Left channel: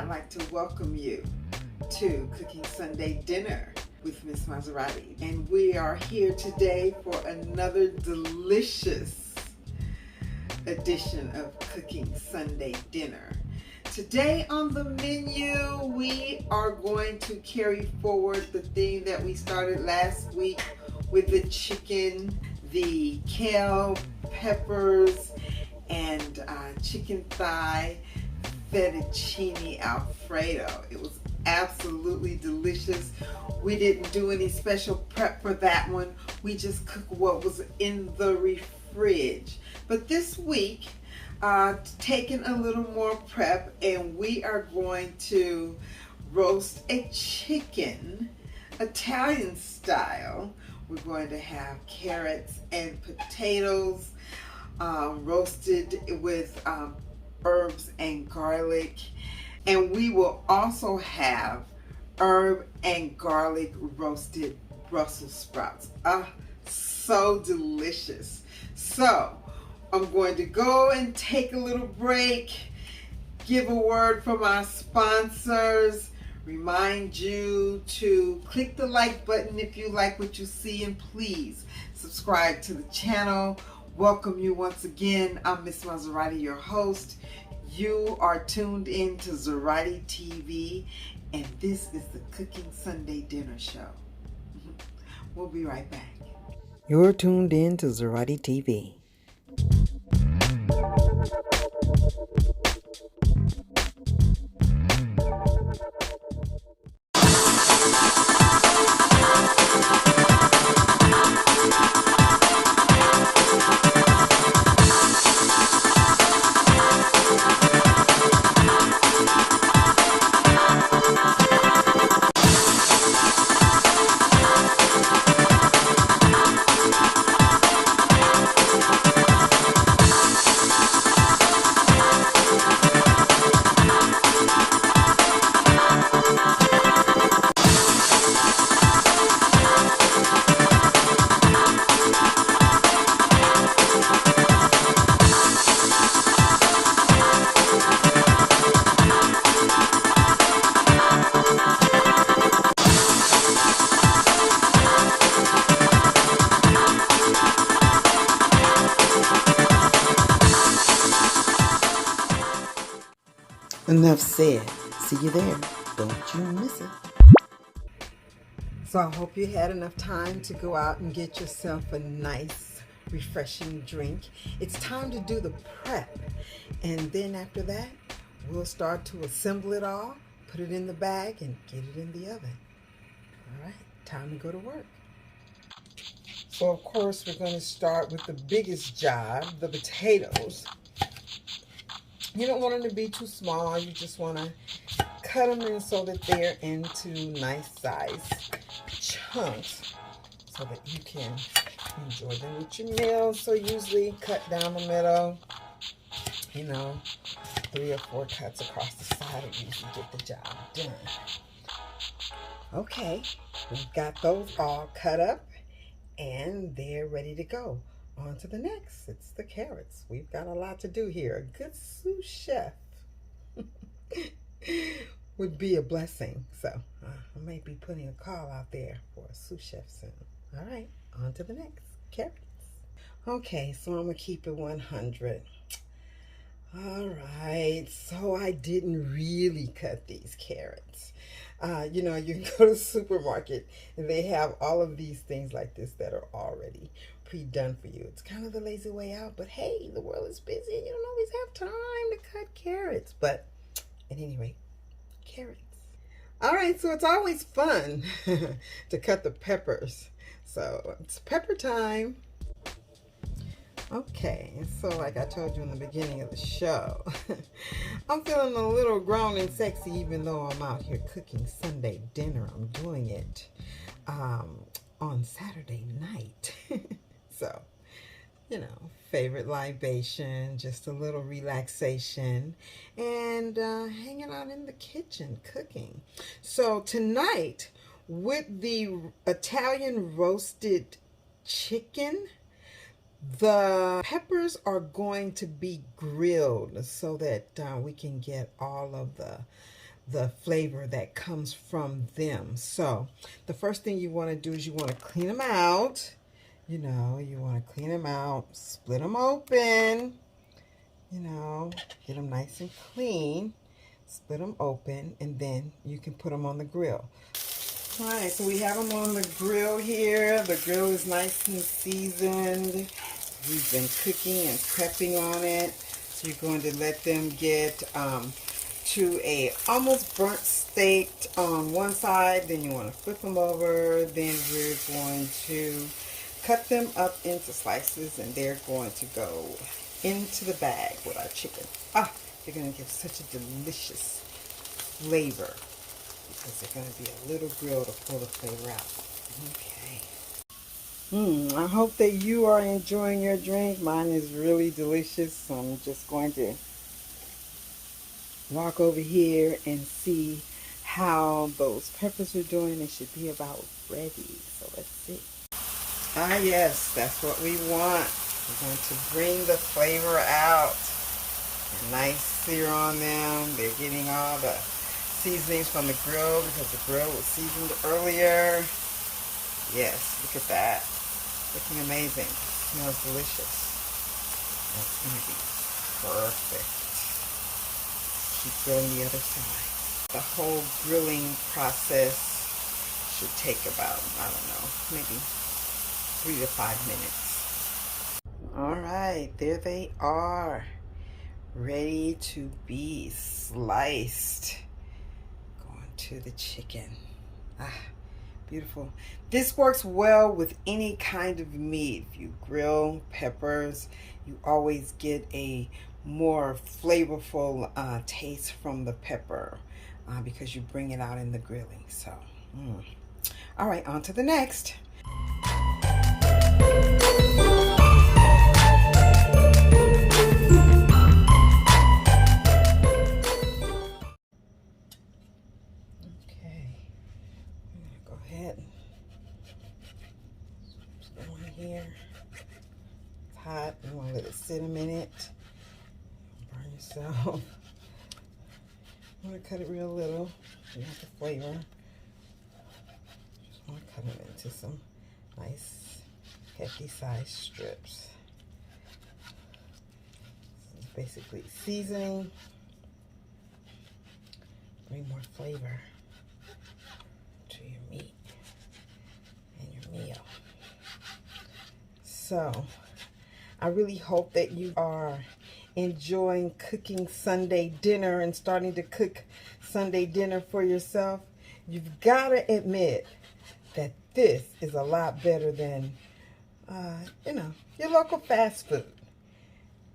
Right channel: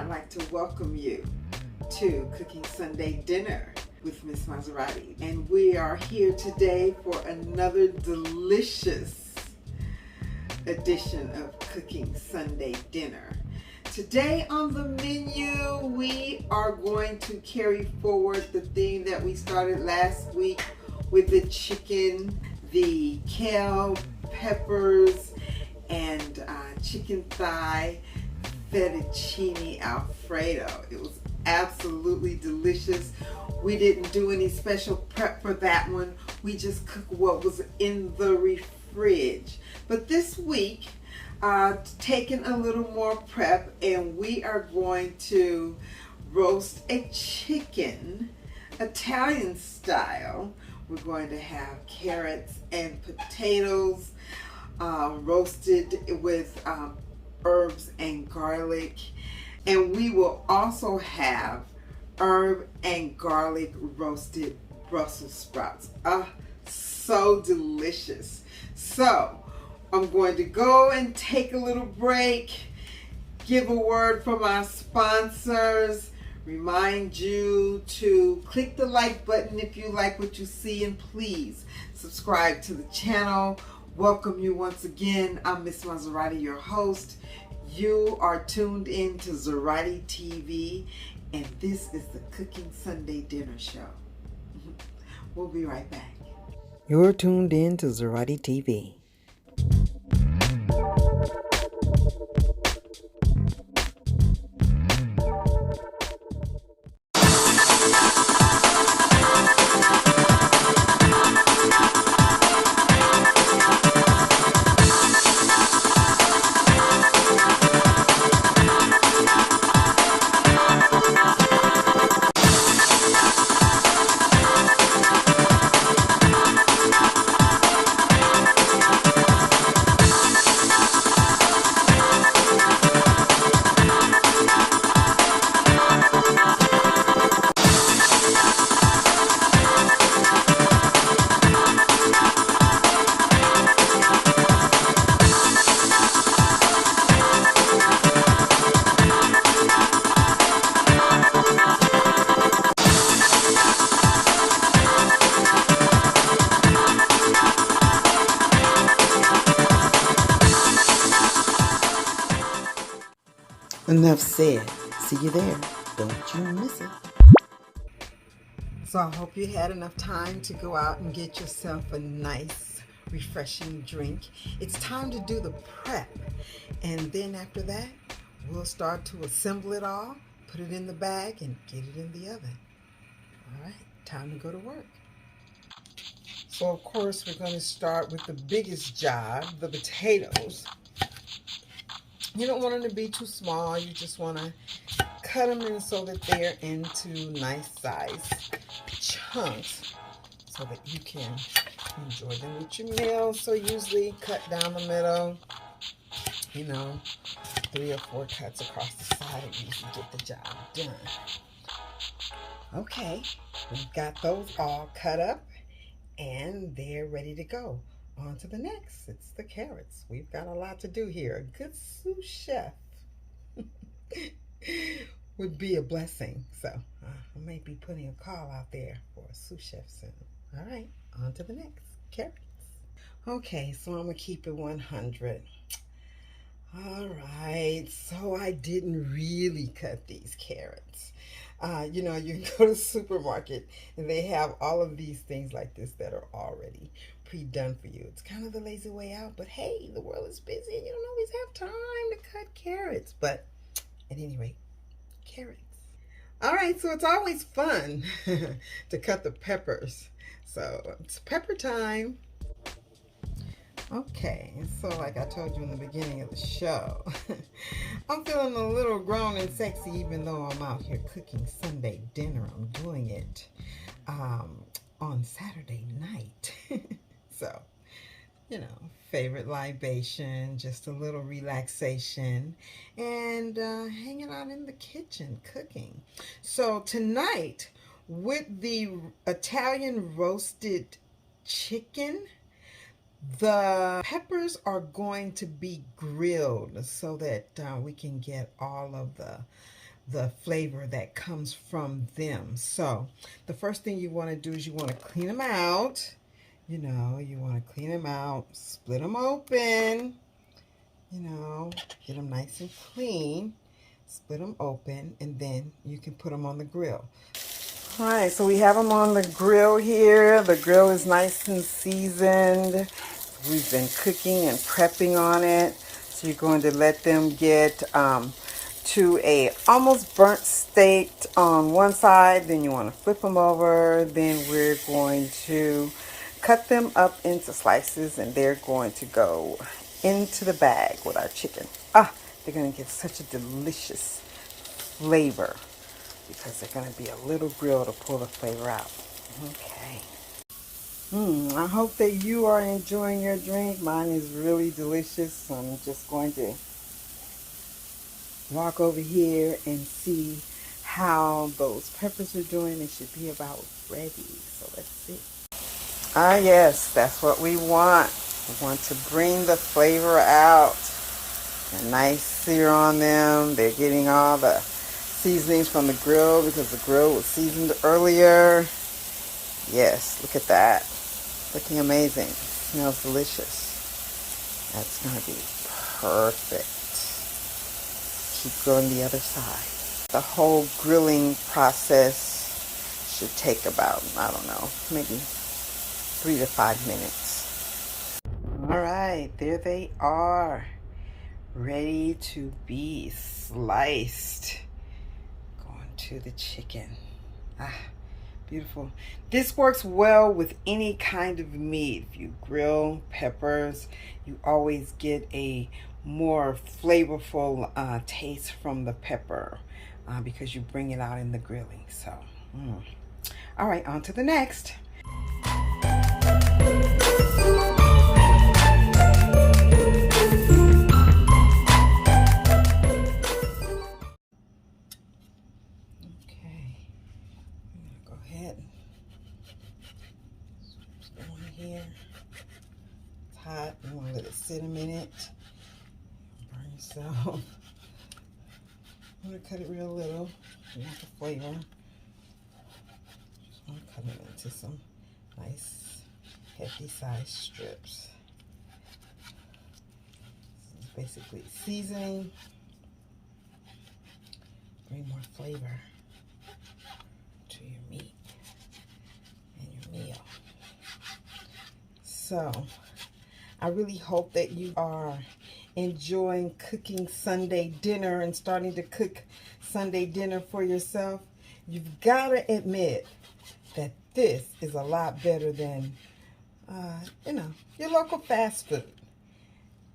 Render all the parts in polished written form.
I'd like to welcome you to Cooking Sunday Dinner with Miss Mazerati. And we are here today for another delicious edition of Cooking Sunday Dinner. Today on the menu, we are going to carry forward the theme that we started last week with the chicken, the kale, peppers, and chicken thigh fettuccine Alfredo. It was absolutely delicious. We didn't do any special prep for that one. We just cooked what was in the fridge. But this week, taking a little more prep, and we are going to roast a chicken Italian style. We're going to have carrots and potatoes roasted with herbs and garlic, and we will also have herb and garlic roasted Brussels sprouts. So delicious. So I'm going to go and take a little break, give a word from our sponsors, remind you to click the like button if you like what you see, and please subscribe to the channel. Welcome you once again. I'm Miss Mazerati, your host. You are tuned in to Mazerati TV, and this is the Cooking Sunday Dinner Show. We'll be right back. You're tuned in to Mazerati TV. Enough said. See you there. Don't you miss it. So I hope you had enough time to go out and get yourself a nice, refreshing drink. It's time to do the prep. And then after that, we'll start to assemble it all, put it in the bag, and get it in the oven. All right, time to go to work. So of course, we're going to start with the biggest job, the potatoes. You don't want them to be too small. You just want to cut them in so that they're into nice size chunks so that you can enjoy them with your meals. So usually cut down the middle, 3 or 4 cuts across the side and usually get the job done. Okay, we've got those all cut up and they're ready to go. On to the next. It's the carrots. We've got a lot to do here. A good sous chef would be a blessing. So I may be putting a call out there for a sous chef soon. All right, on to the next. Carrots. Okay, so I'm going to keep it 100. All right, so I didn't really cut these carrots. You can go to the supermarket and they have all of these things like this that are already pre-done for you. It's kind of the lazy way out, but hey, the world is busy and you don't always have time to cut carrots. But at any rate, carrots. All right, so it's always fun to cut the peppers. So it's pepper time. Okay, so like I told you in the beginning of the show, I'm feeling a little grown and sexy even though I'm out here cooking Sunday dinner. I'm doing it on Saturday night. So, favorite libation, just a little relaxation, and hanging out in the kitchen cooking. So tonight, with the Italian roasted chicken, the peppers are going to be grilled so that we can get all of the the flavor that comes from them. So the first thing you want to do is you want to clean them out. You know, you want to clean them out, split them open, you know, get them nice and clean, split them open, and then you can put them on the grill. All right, so we have them on the grill here. The grill is nice and seasoned. We've been cooking and prepping on it. So you're going to let them get to a almost burnt state on one side. Then you want to flip them over. Then we're going to cut them up into slices, and they're going to go into the bag with our chicken. They're going to give such a delicious flavor because they're going to be a little grill to pull the flavor out. Okay. I hope that you are enjoying your drink. Mine is really delicious. So I'm just going to walk over here and see how those peppers are doing. They should be about ready. So let's see. Yes, that's what we want. We want to bring the flavor out. A nice sear on them. They're getting all the seasonings from the grill because the grill was seasoned earlier. Yes, look at that. Looking amazing. Smells delicious. That's going to be perfect. Keep going the other side. The whole grilling process should take about, I don't know, maybe 3 to 5 minutes. All right, there they are. Ready to be sliced. Going to the chicken. Beautiful. This works well with any kind of meat. If you grill peppers, you always get a more flavorful taste from the pepper because you bring it out in the grilling. So, all right, on to the next. Here. It's hot. You want to let it sit a minute. Burn yourself. You want to cut it real little. You want the flavor. Just want to cut it into some nice, hefty sized strips. This is basically seasoning. Bring more flavor to your meat and your meal. So, I really hope that you are enjoying cooking Sunday dinner and starting to cook Sunday dinner for yourself. You've got to admit that this is a lot better than, your local fast food.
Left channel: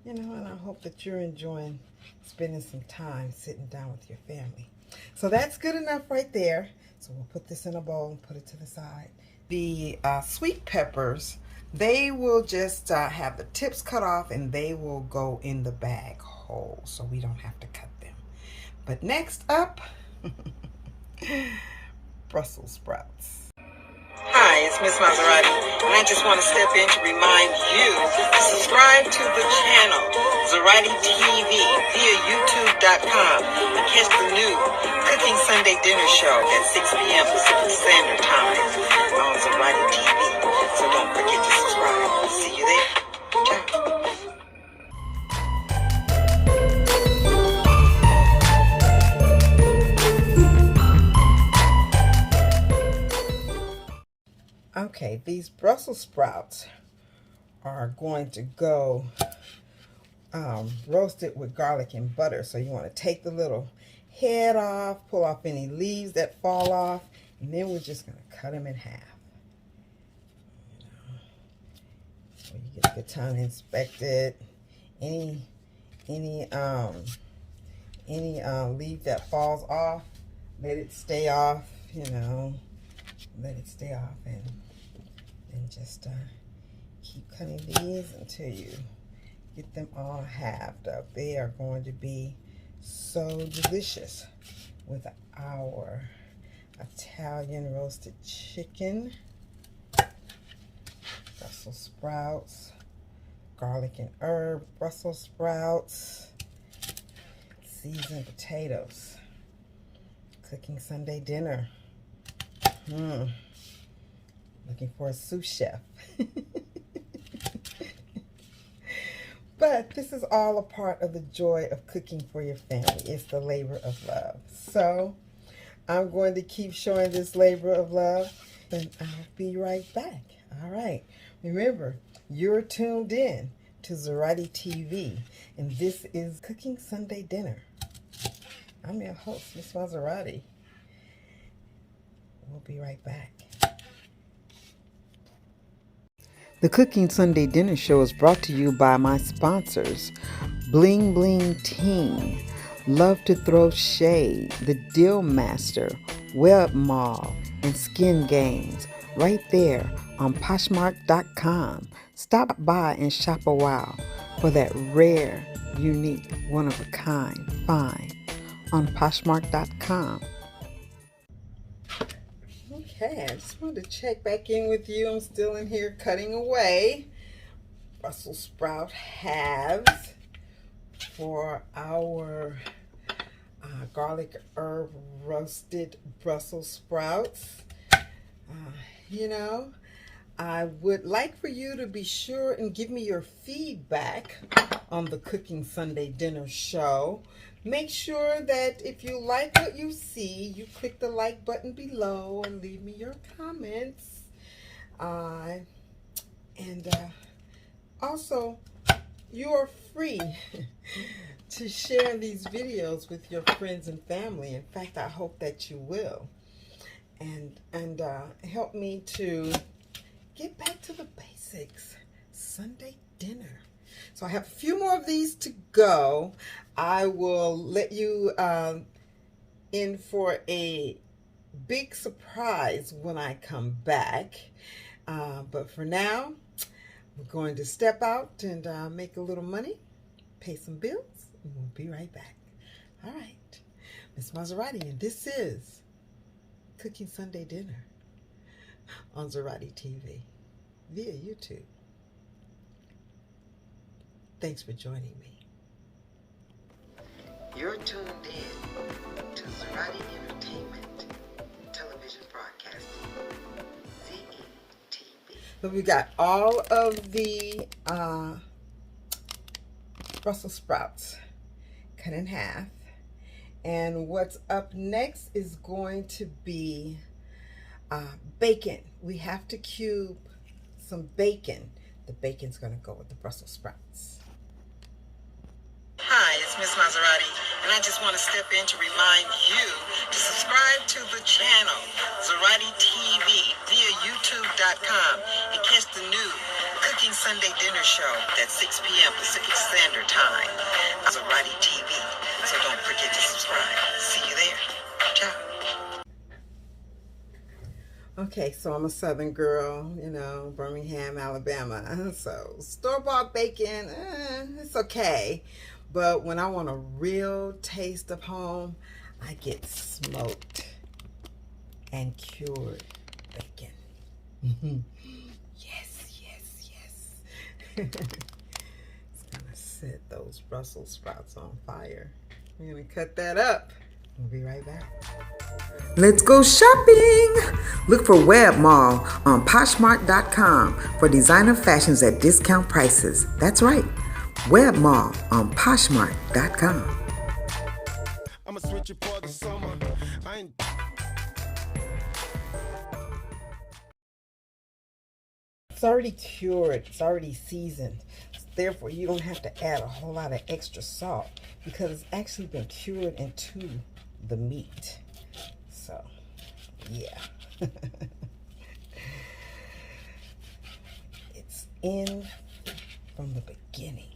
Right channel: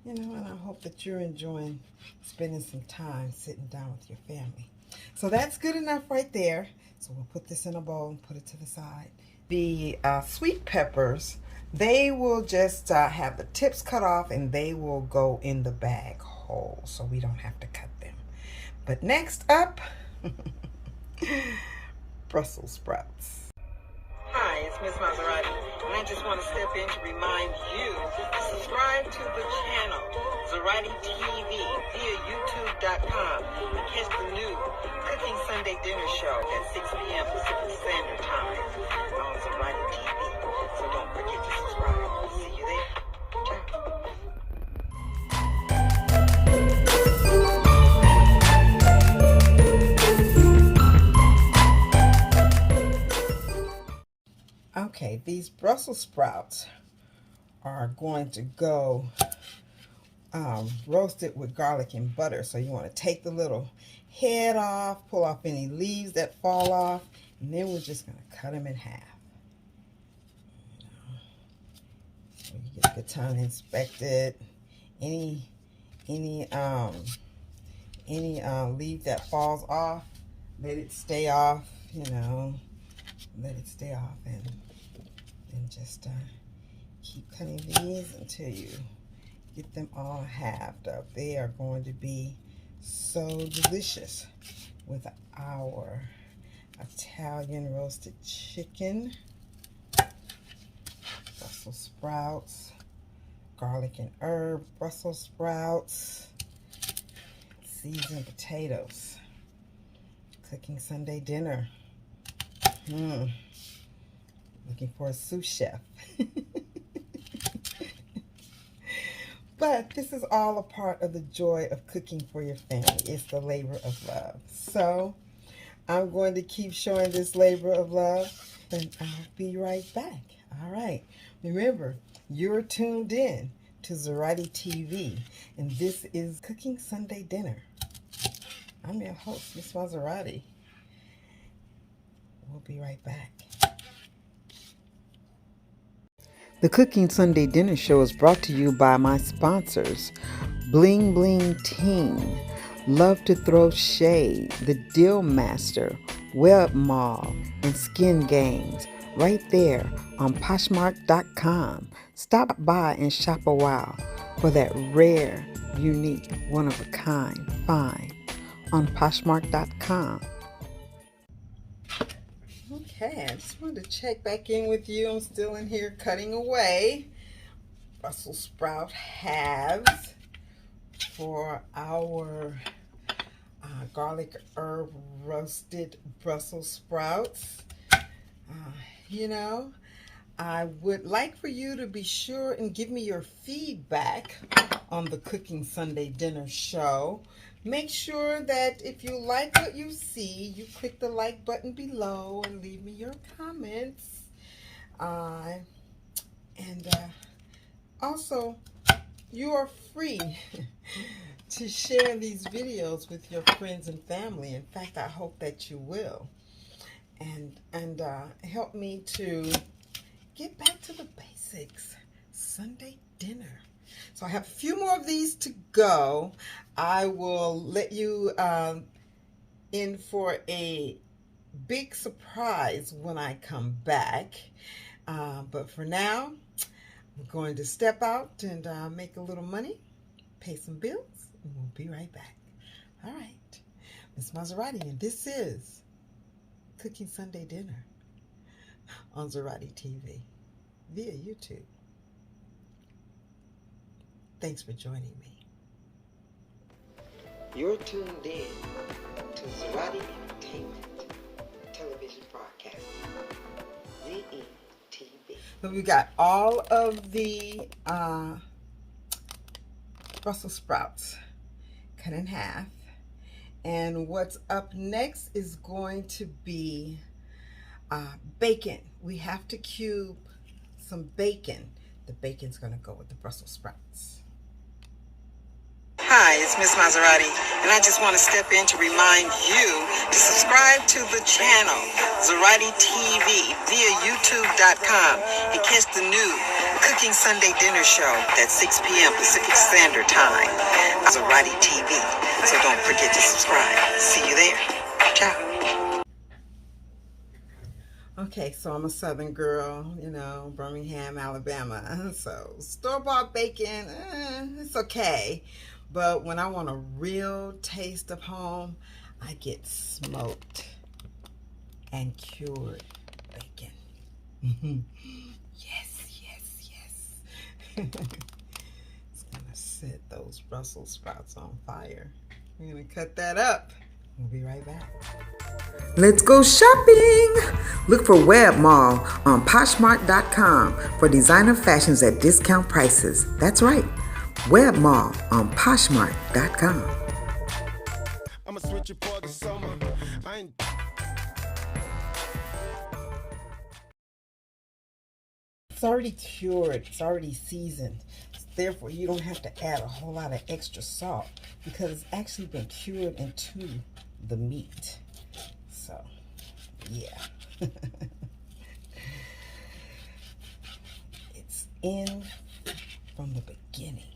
And I hope that you're enjoying spending some time sitting down with your family. So that's good enough right there. So we'll put this in a bowl and put it to the side. The sweet peppers, they will just have the tips cut off and they will go in the bag whole, so we don't have to cut them. But next up, Brussels sprouts. Hi, it's Miss Mazerati, and I just want to step in to remind you to subscribe to the channel, Mazerati TV, via YouTube.com, and catch the new Cooking Sunday Dinner Show at 6 p.m. Pacific Standard Time on Mazerati TV. So don't forget to subscribe. See you there. Ciao. Okay, these Brussels sprouts are going to go roasted with garlic and butter. So you want to take the little head off, pull off any leaves that fall off, and then we're just going to cut them in half. So you get a good time to inspect it. Any leaf that falls off, let it stay off, let it stay off, and just keep cutting these until you get them all halved up. They are going to be so delicious with our Italian roasted chicken, Brussels sprouts, garlic and herb Brussels sprouts, seasoned potatoes. Cooking Sunday dinner. Looking for a sous chef. But this is all a part of the joy of cooking for your family. It's the labor of love. So I'm going to keep showing this labor of love, and I'll be right back. All right. Remember, you're tuned in to Mazerati TV, and this is Cooking Sunday Dinner. I'm your host, Miss Mazerati. We'll be right back. The Cooking Sunday Dinner Show is brought to you by my sponsors, Bling Bling Teen, Love to Throw Shade, The Deal Master, Web Mall, and Skin Games, right there on Poshmark.com. Stop by and shop a while for that rare, unique, one-of-a-kind find on Poshmark.com. Okay, I just wanted to check back in with you. I'm still in here cutting away Brussels sprout halves for our garlic herb roasted Brussels sprouts. You know, I would like for you to be sure and give me your feedback on the Cooking Sunday Dinner Show. Make sure that if you like what you see, you click the like button below and leave me your comments. Also, you are free to share these videos with your friends and family. In fact, I hope that you will. And help me to get back to the basics. Sunday dinner. So I have a few more of these to go. I will let you in for a big surprise when I come back. But for now, I'm going to step out and make a little money, pay some bills, and we'll be right back. All right, Miss Mazerati, and this is Cooking Sunday Dinner on Mazerati TV via YouTube. Thanks for joining me. You're tuned in to Mazerati Entertainment Television Broadcasting, ZETV. So we got all of the Brussels sprouts cut in half. And what's up next is going to be bacon. We have to cube some bacon. The bacon's going to go with the Brussels sprouts. Hi, it's Miss Mazerati, and I just want to step in to remind you to subscribe to the channel, Mazerati TV, via YouTube.com, and catch the new Cooking Sunday Dinner Show at 6 p.m. Pacific Standard Time, Mazerati TV. So don't forget to subscribe. See you there. Ciao. Okay, so I'm a Southern girl, you know, Birmingham, Alabama. So store-bought bacon, it's okay. But when I want a real taste of home, I get smoked and cured bacon. Yes, yes, yes. It's gonna set those Brussels sprouts on fire. I'm gonna cut that up. We'll be right back. Let's go shopping! Look for Web Mall on Poshmark.com for designer fashions at discount prices. That's right. Web Mall on Poshmark.com. I'm a switcher for the summer. It's already cured. It's already seasoned. Therefore, you don't have to add a whole lot of extra salt because it's actually been cured into the meat. So, yeah. It's in from the beginning.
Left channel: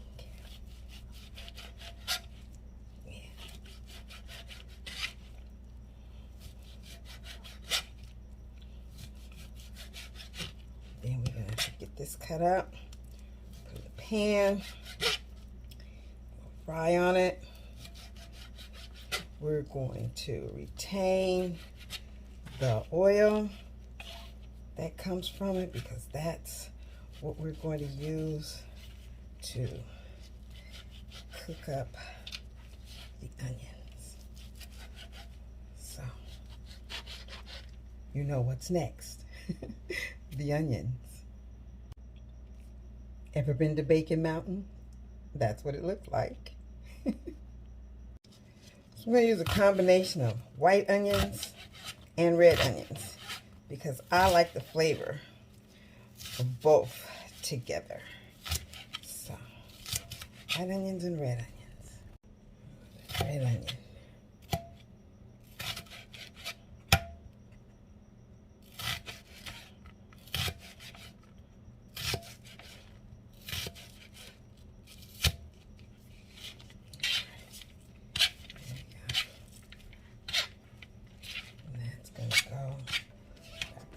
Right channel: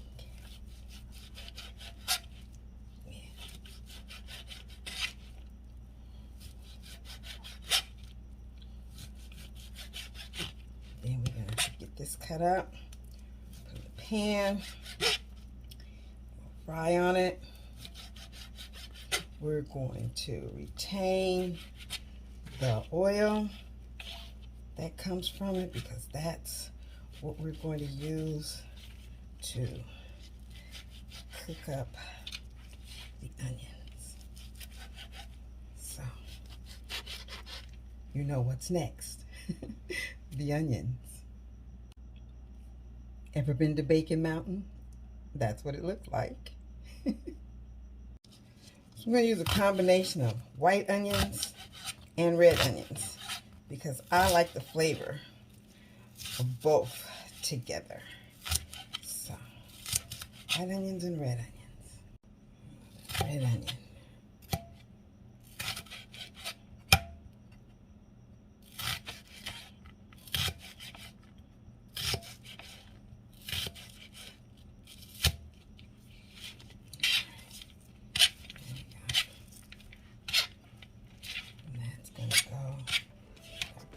Then we're going to get this cut up, put it in the pan, fry on it. We're going to retain the oil that comes from it because that's what we're going to use to cook up the onions. So you know what's next. The onions. Ever been to Bacon Mountain? That's what it looked like. So I'm going to use a combination of white onions and red onions because I like the flavor of both together. So, white onions and red onions. Red onion.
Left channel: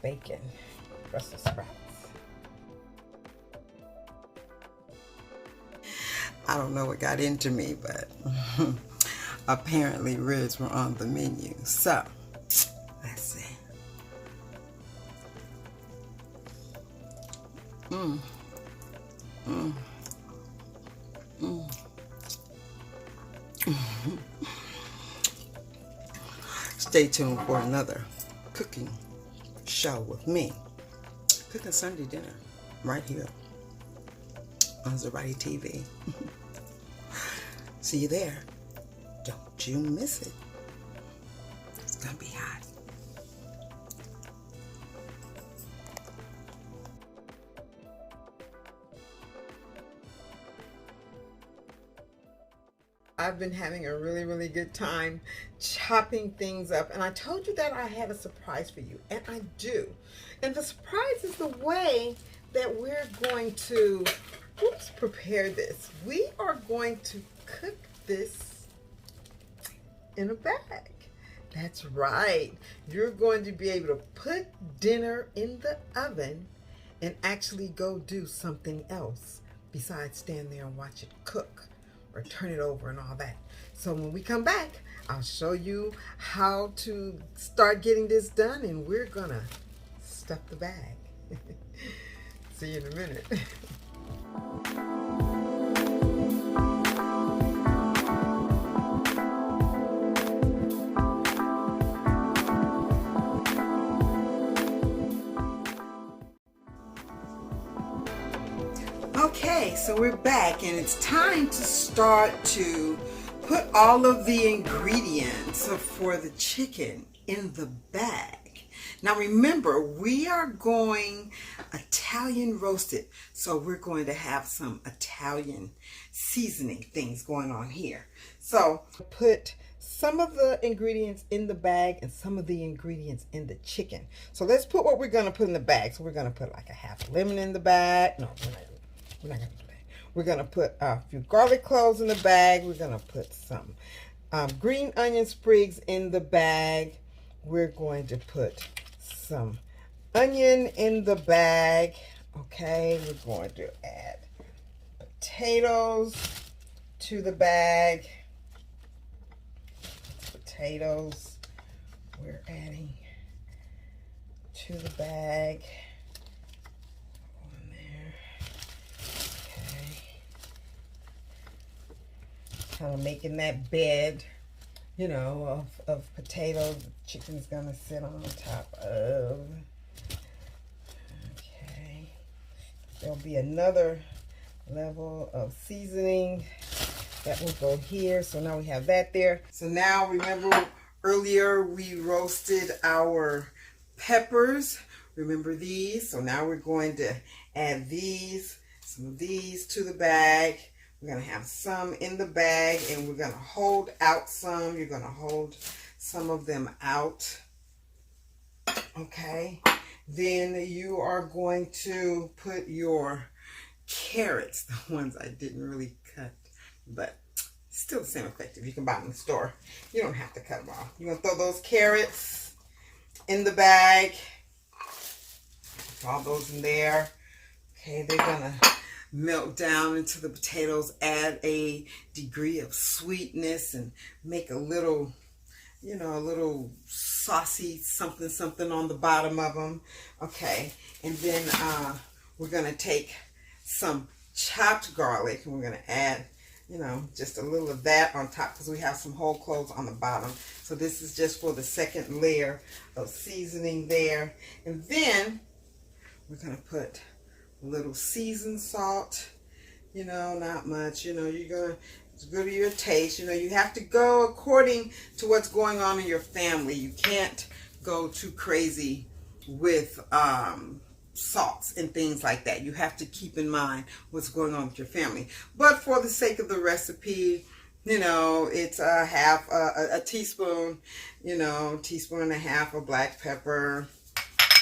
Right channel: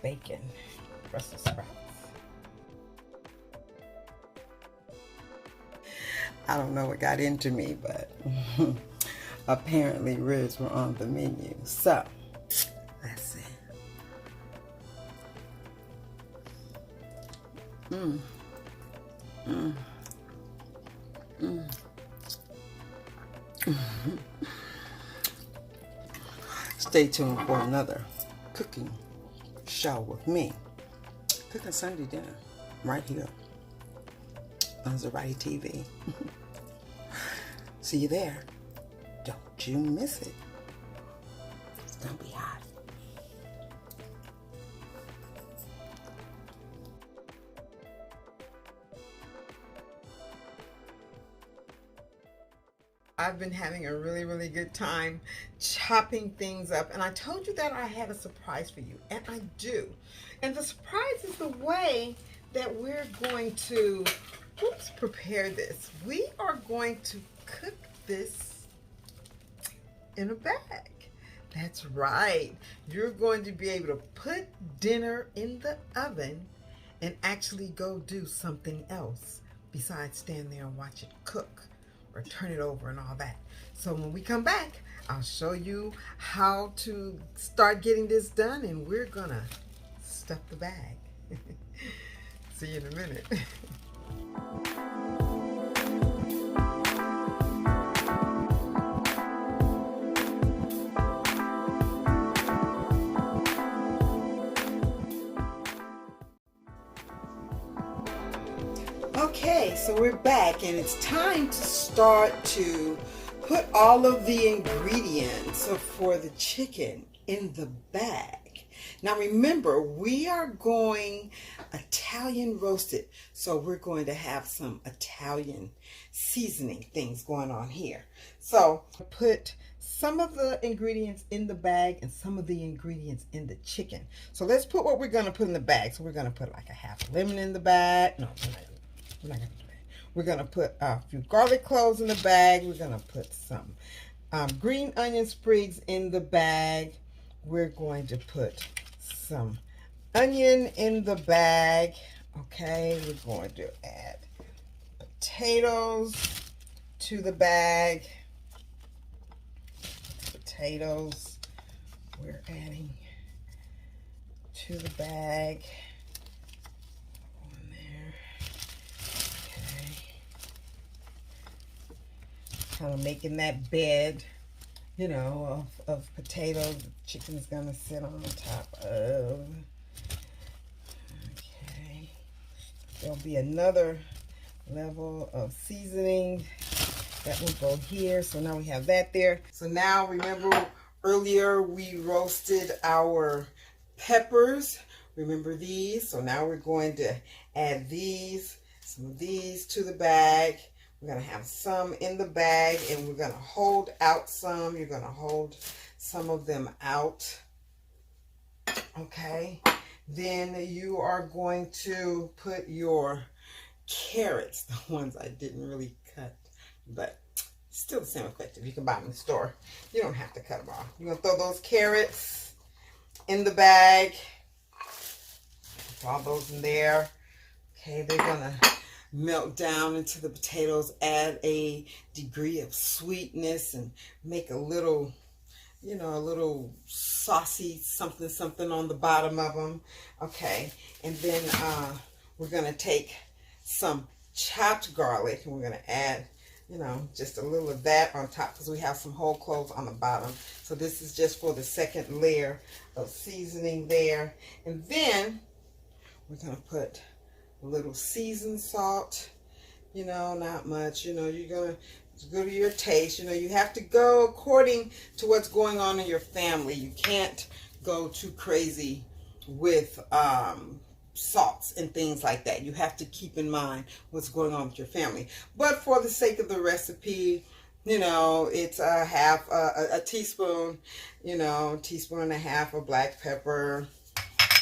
Bacon Brussel sprouts. I don't know what got into me, but apparently ribs were on the menu. So, let's see. Stay tuned for another cooking show with me, cooking Sunday dinner, right here on Mazerati TV. See you there. Don't you miss it. It's gonna be hot. I've been having a really good time chopping things up, and I told you that I had a surprise for you, and I do. And the surprise is the way that we're going to prepare this. We are going to cook this in a bag. That's right. You're going to be able to put dinner in the oven and actually go do something else besides stand there and watch it cook or turn it over and all that. So when we come back, I'll show you how to start getting this done, and we're gonna stuff the bag. See you in a minute. Okay, so we're back, and it's time to start to put all of the ingredients for the chicken in the bag. Now remember, we are going Italian roasted, so we're going to have some Italian seasoning things going on here. So put some of the ingredients in the bag and some of the ingredients in the chicken. So let's put what we're going to put in the bag. So we're going to put like a half a lemon in the bag. No, we're not going to do that. We're going to put a few garlic cloves in the bag. We're going to put some green onion sprigs in the bag. We're going to put some onion in the bag. Okay, we're going to add potatoes to the bag. Potatoes we're adding to the bag. Kind of making that bed, you know, of potatoes the chicken's gonna sit on top of. Okay, there'll be another level of seasoning that will go here. So now we have that there. So now remember earlier we roasted our peppers. Remember these? So now we're going to add these, some of these to the bag. We're going to have some in the bag, and we're going to hold out some. You're going to hold some of them out. Okay. Then you are going to put your carrots, the ones I didn't really cut, but still the same effective. You can buy them in the store. You don't have to cut them off. You're going to throw those carrots in the bag. Put all those in there. Okay, they're going to melt down into the potatoes, add a degree of sweetness, and make a little, you know, a little saucy something on the bottom of them. Okay, and then we're going to take some chopped garlic, and we're going to add you know, just a little of that on top because we have some whole cloves on the bottom. So this is just for the second layer of seasoning there. And then we're going to put a little seasoned salt, you know, not much, you know, you're going to, it's good to your taste. You know, you have to go according to what's going on in your family. You can't go too crazy with salts and things like that. You have to keep in mind what's going on with your family. But for the sake of the recipe, you know, it's a teaspoon, you know, teaspoon and a half of black pepper.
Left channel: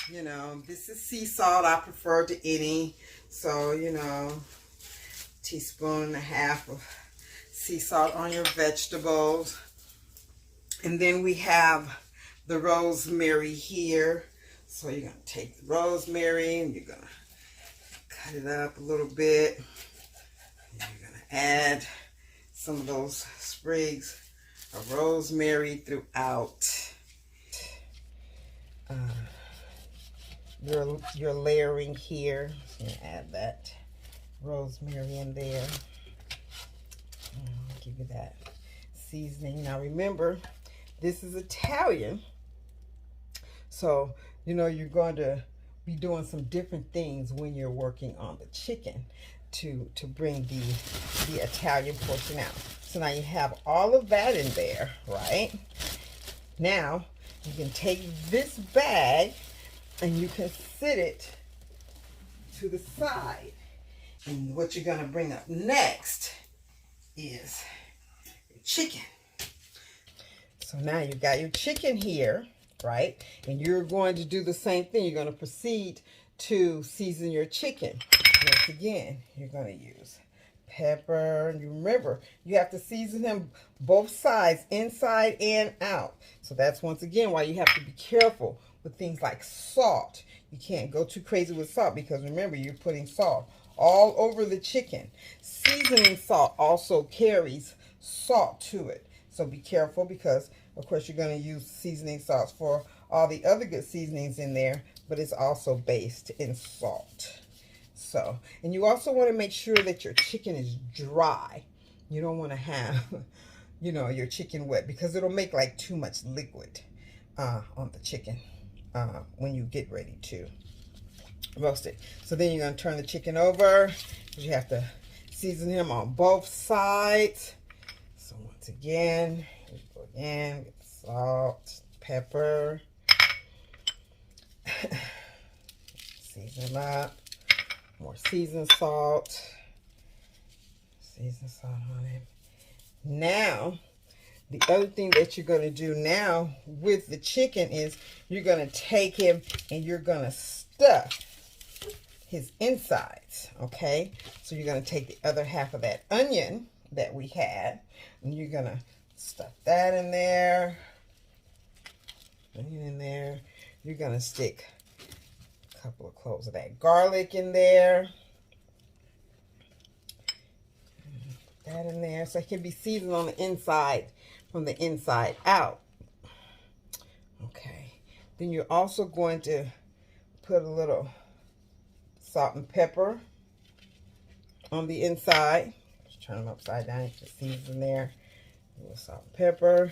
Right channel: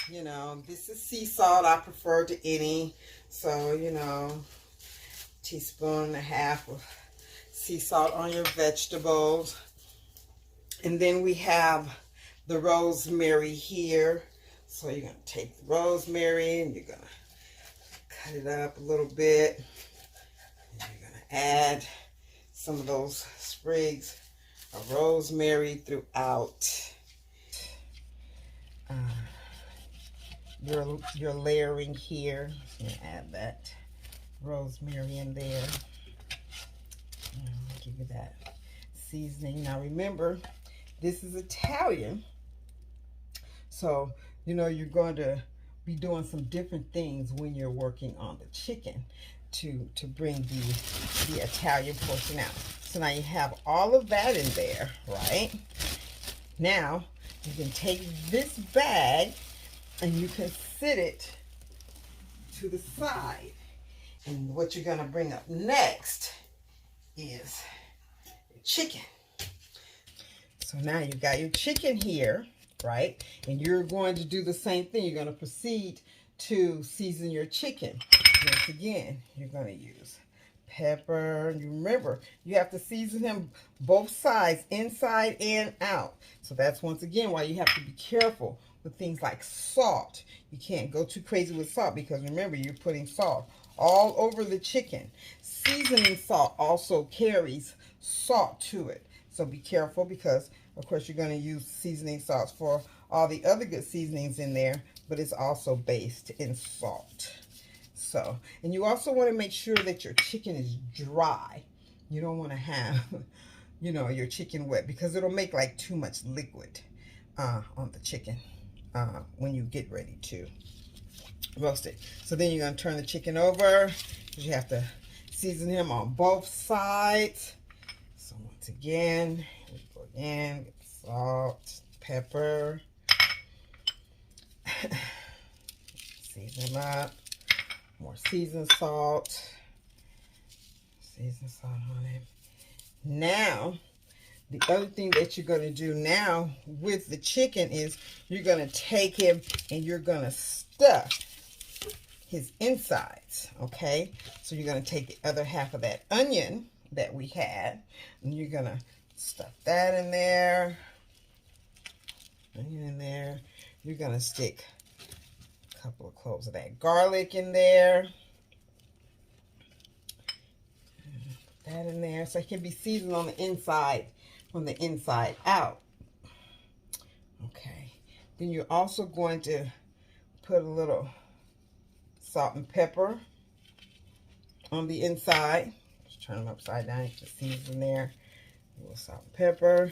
You know, this is sea salt. I prefer to any. So, you know, teaspoon and a half of sea salt on your vegetables. And then we have the rosemary here. So you're going to take the rosemary and you're going to cut it up a little bit. And you're going to add some of those sprigs of rosemary throughout your layering here. So you add that rosemary in there. I'll give you that seasoning. Now remember, this is Italian. So, you know, you're going to be doing some different things when you're working on the chicken to bring the Italian portion out. So now you have all of that in there, right? Now, you can take this bag and you can sit it to the side. And what you're going to bring up next is your chicken. So now you've got your chicken here, right? And you're going to do the same thing. You're going to proceed to season your chicken. Once again, you're going to use pepper. You remember, you have to season them both sides, inside and out. So that's once again why you have to be careful with things like salt. You can't go too crazy with salt because remember, you're putting salt all over the chicken. Seasoning salt also carries salt to it. So be careful because, of course, you're going to use seasoning salts for all the other good seasonings in there, but it's also based in salt. So, and you also want to make sure that your chicken is dry. You don't want to have, you know, your chicken wet because it'll make like too much liquid on the chicken when you get ready to roast it. So then you're going to turn the chicken over because you have to season him on both sides. So once again, we go again, get salt, pepper, season them up, more seasoned salt on it. Now, the other thing that you're going to do now with the chicken is you're going to take him and you're going to stuff his insides, okay? So you're going to take the other half of that onion that we had, and you're going to stuff that in there, onion in there. You're going to stick a couple of cloves of that garlic in there. Put that in there so it can be seasoned on the inside, from the inside out. Okay. Then you're also going to put a little salt and pepper on the inside. Just turn them upside down. You can season there. A little salt and pepper.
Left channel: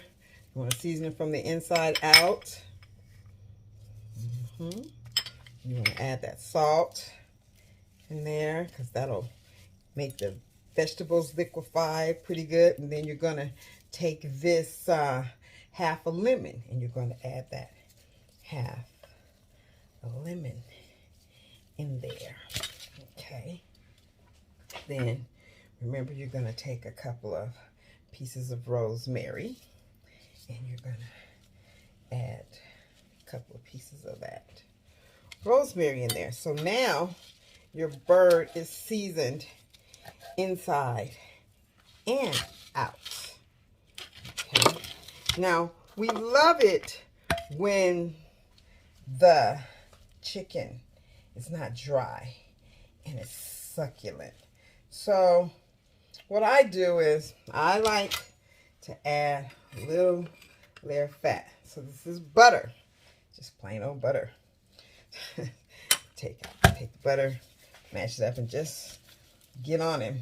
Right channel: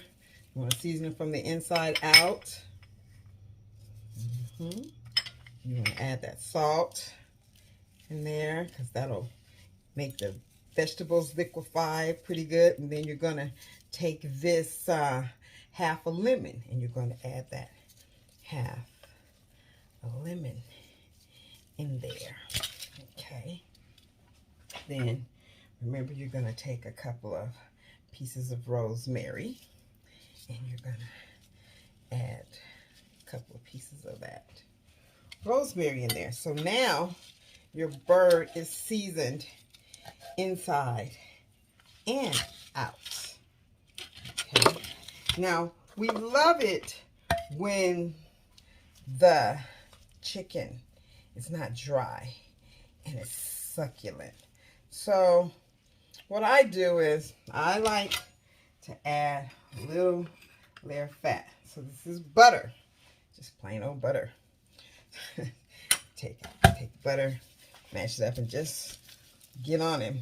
You want to season it from the inside out. You want to add that salt in there because that'll make the vegetables liquefy pretty good. And then you're going to take this half a lemon and you're going to add that half a lemon in there. Okay. Then remember, you're going to take a couple of pieces of rosemary and you're going to add a couple of pieces of that rosemary in there. So now your bird is seasoned inside and out. Okay. Now, we love it when the chicken is not dry and it's succulent. So what I do is I like to add a little layer of fat. So this is butter, just plain old butter. Take the butter, mash it up, and just get on him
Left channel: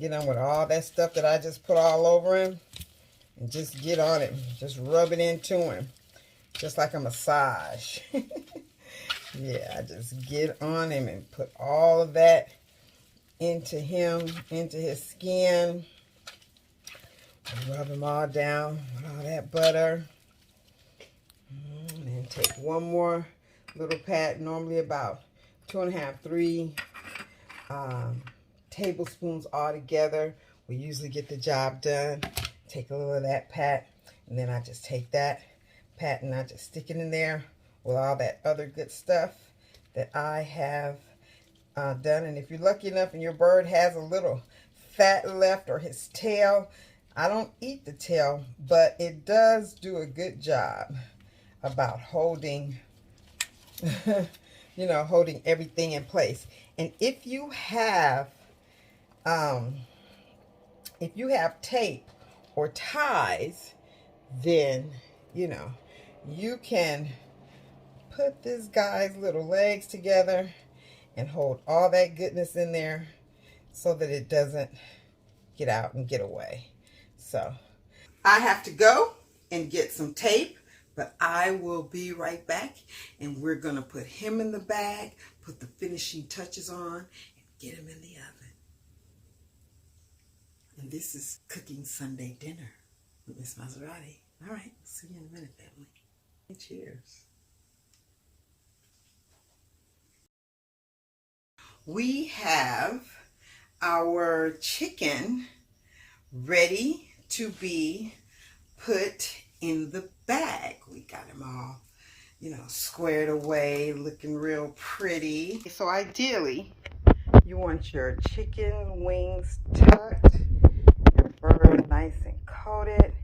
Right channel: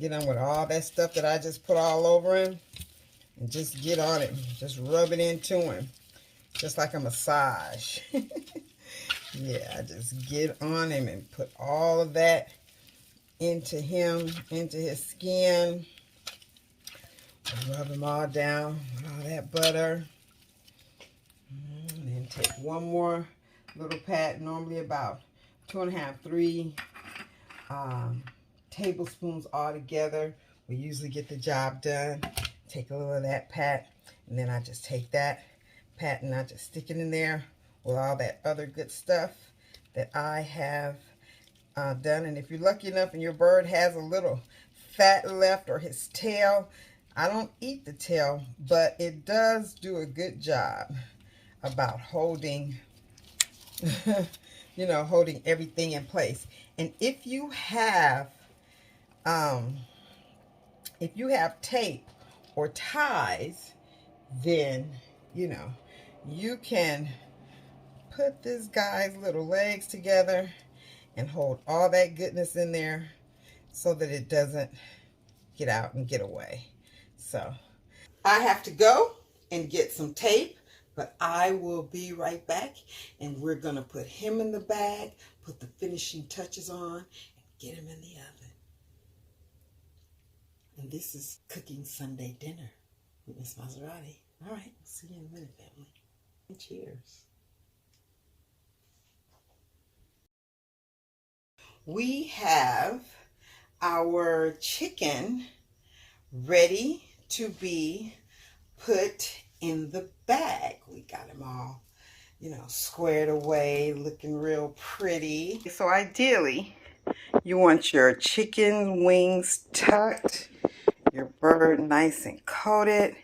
Get on with all that stuff that I just put all over him. And just get on it. Just rub it into him. Just like a massage. Yeah, just get on him and put all of that into him, into his skin. Rub him all down with all that butter. And then take one more little pat, normally about 2.5, 3 tablespoons all together. We usually get the job done. Take a little of that pat, and then I just take that pat and I just stick it in there with all that other good stuff that I have done. And if you're lucky enough and your bird has a little fat left or his tail, I don't eat the tail, but it does do a good job about holding, you know, holding everything in place. And if you have tape or ties, then, you know, you can put this guy's little legs together and hold all that goodness in there so that it doesn't get out and get away. So I have to go and get some tape, but I will be right back, and we're going to put him in the bag, put the finishing touches on, and get him in the oven. And this is cooking Sunday dinner with Miss Mazerati. All right, see you in a minute, family. Cheers. We have our chicken ready to be put in the bag. We got him all, you know, squared away, looking real pretty. So ideally, you want your chicken wings tucked, your bird nice and coated,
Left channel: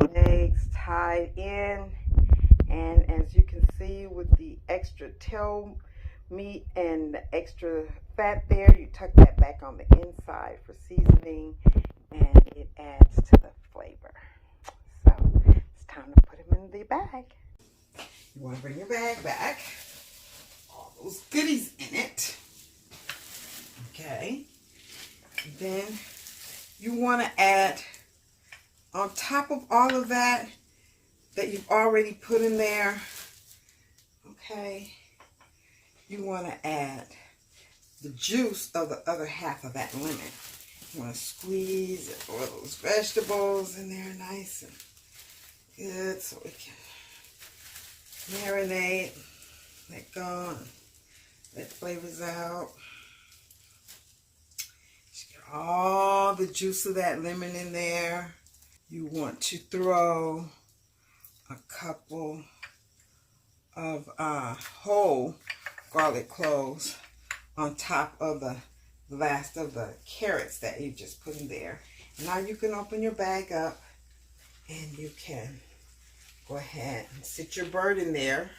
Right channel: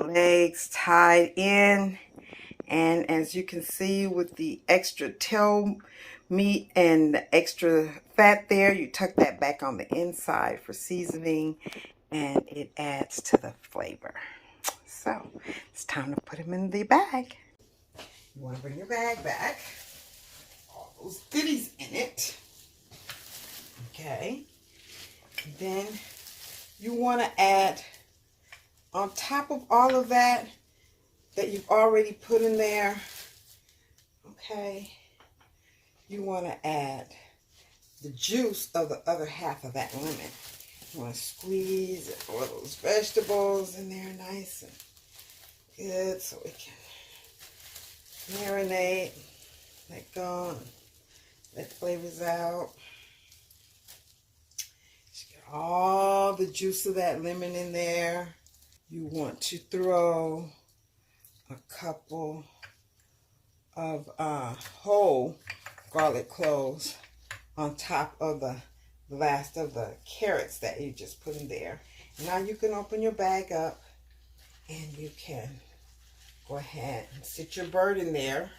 legs tied in, and as you can see with the extra tail meat and the extra fat there, you tuck that back on the inside for seasoning, and it adds to the flavor. So it's time to put him in the bag. You want to bring your bag back, all those goodies in it. Okay, and then you want to add, on top of all of that you've already put in there, okay, you want to add the juice of the other half of that lemon. You want to squeeze all those vegetables in there nice and good so it can marinate, let go, and let flavors out. Just get all the juice of that lemon in there. You want to throw a couple of whole garlic cloves on top of the last of the carrots that you just put in there. Now you can open your bag up and you can go ahead and sit your bird in there,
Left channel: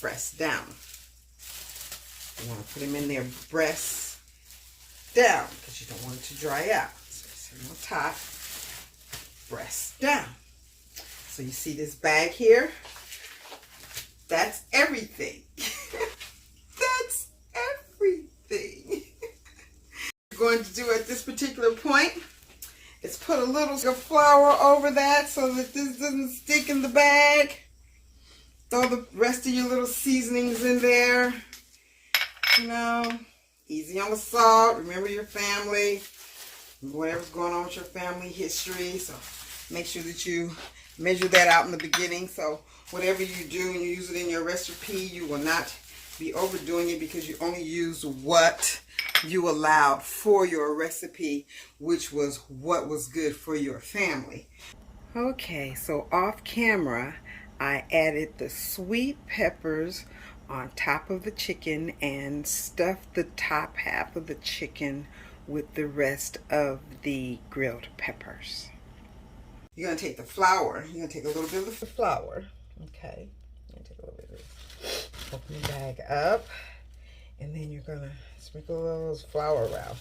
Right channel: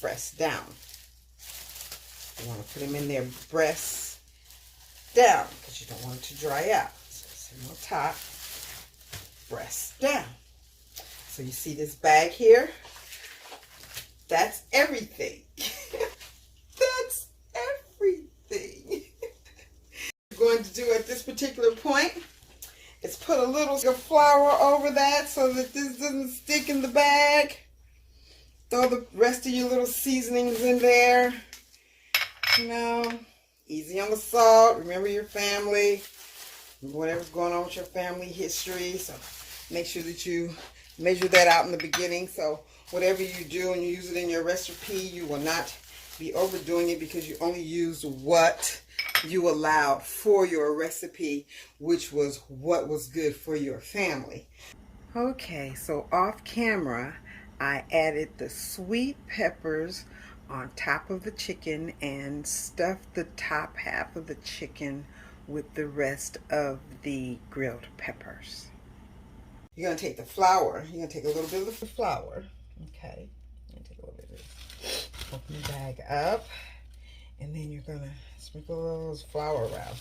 breast down. You want to put him in there breast down because you don't want it to dry out. So sit him on top, breast down. So you see this bag here? That's everything. That's everything. What you're going to do at this particular point is put a little flour over that so that this doesn't stick in the bag. Throw the rest of your little seasonings in there. You know, easy on the salt. Remember your family, whatever's going on with your family history. So make sure that you measure that out in the beginning. So whatever you do and you use it in your recipe, you will not be overdoing it because you only use what you allowed for your recipe, which was what was good for your family. Okay, so off camera, I added the sweet peppers on top of the chicken and stuffed the top half of the chicken with the rest of the grilled peppers. You're going to take the flour. You're going to take a little bit of the flour. Okay. You're going to take a little bit of this. Open the bag up. And then you're going to sprinkle all those flour around.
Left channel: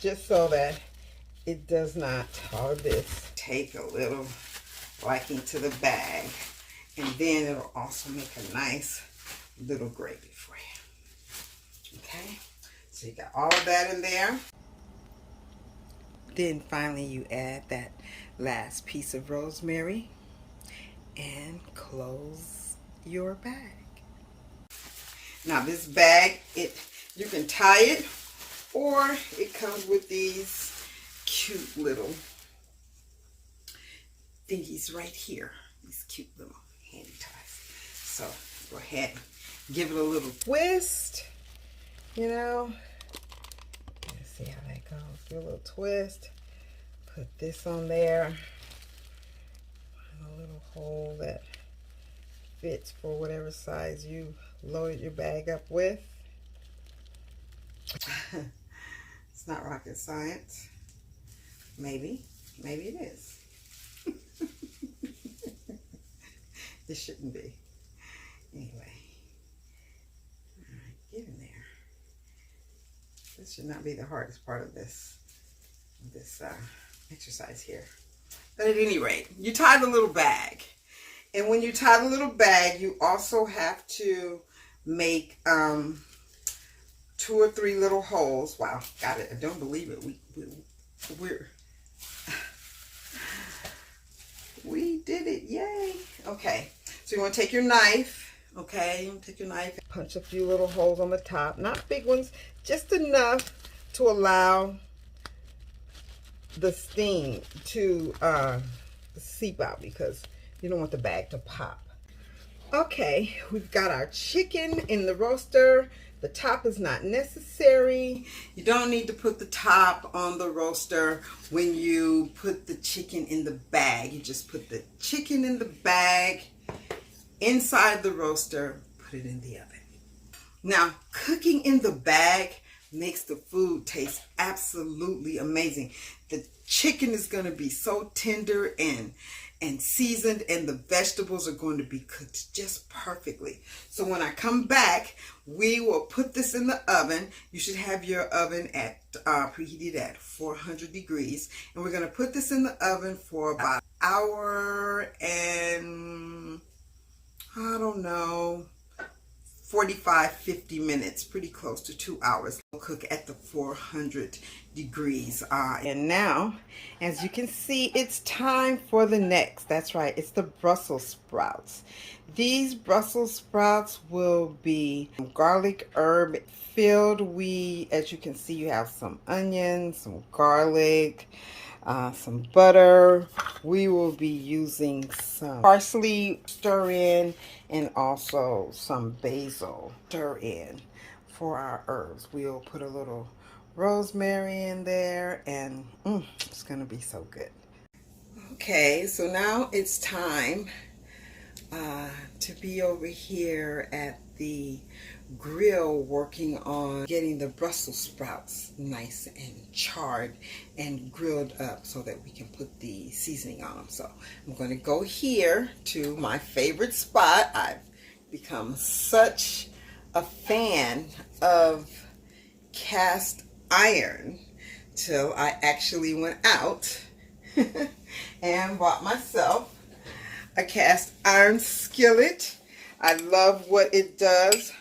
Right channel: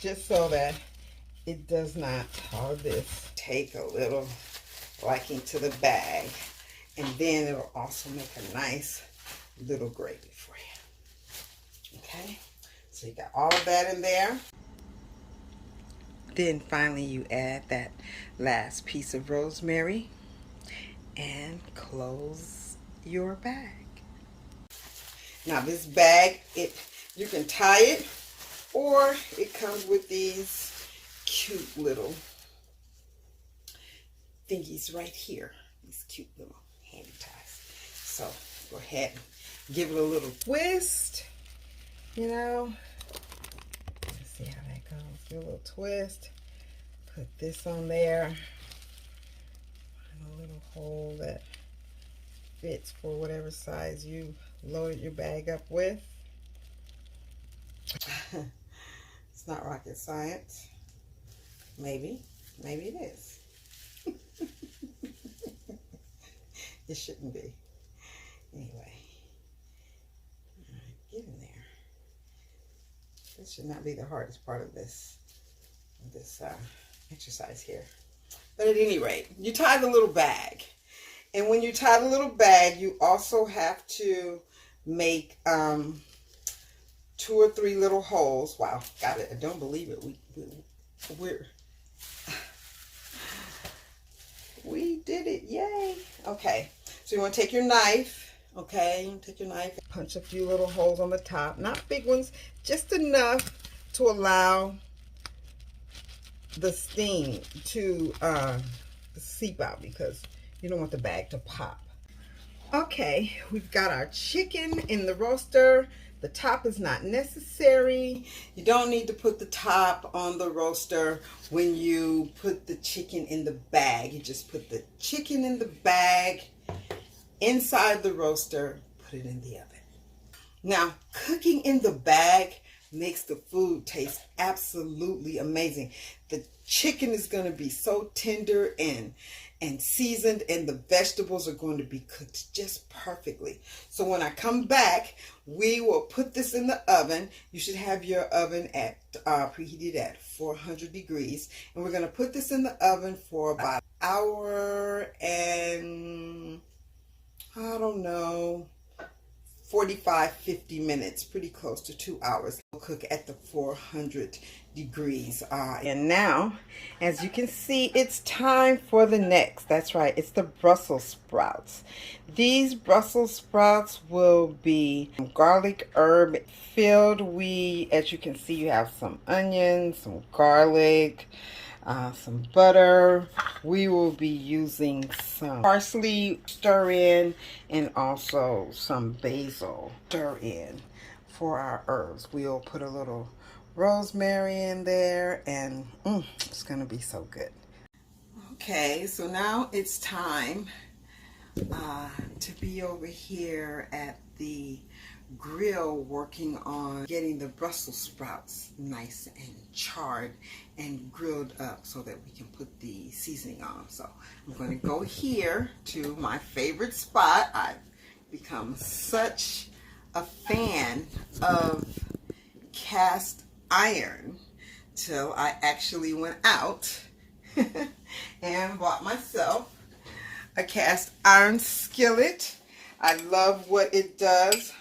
Just so that it does not, all of this, take a little liking to the bag. And then it'll also make a nice little gravy for you. Okay? So So you got all of that in there. Then finally you add that last piece of rosemary and close your bag. Now this bag, you can tie it, or it comes with these cute little thingies right here. These cute little handy ties. So go ahead and give it a little twist, you know. Let's see how that goes. Give it a little twist. Put this on there. Find a little hole that fits for whatever size you loaded your bag up with. It's not rocket science. Maybe it is. It shouldn't be. Anyway, all right, get in there. This should not be the hardest part of this exercise here. But at any rate, you tie the little bag. And when you tie the little bag, you also have to make 2 or 3 little holes. Wow, got it. I don't believe it. We did it. Yay. Okay. So you want to take your knife. Okay. Take your knife. Punch a few little holes on the top. Not big ones. Just enough to allow the steam to seep out, because you don't want the bag to pop. Okay, we've got our chicken in the roaster. The top is not necessary. You don't need to put the top on the roaster when you put the chicken in the bag. You just put the chicken in the bag inside the roaster, put it in the oven. Now, cooking in the bag makes the food taste absolutely amazing. The chicken is going to be so tender and seasoned, and the vegetables are going to be cooked just perfectly. So when I come back, we will put this in the oven. You should have your oven at preheated at 400 degrees, and we're going to put this in the oven for about an hour and I don't know, 45-50 minutes, pretty close to 2 hours. We'll cook at the 400 degrees. And now, as you can see, it's time for the next. That's right, it's the Brussels sprouts. These Brussels sprouts will be garlic herb filled. As you can see, you have some onions, some garlic, some butter. We will be using some parsley stir in, and also some basil stir in for our herbs. We'll put a little rosemary in there, and it's gonna be so good. Okay, so now it's time to be over here at the grill working on getting the Brussels sprouts nice and charred and grilled up so that we can put the seasoning on them. So I'm going to go here to my favorite spot. I've become such a fan of cast iron till I actually went out and bought myself a cast iron skillet. I love what it does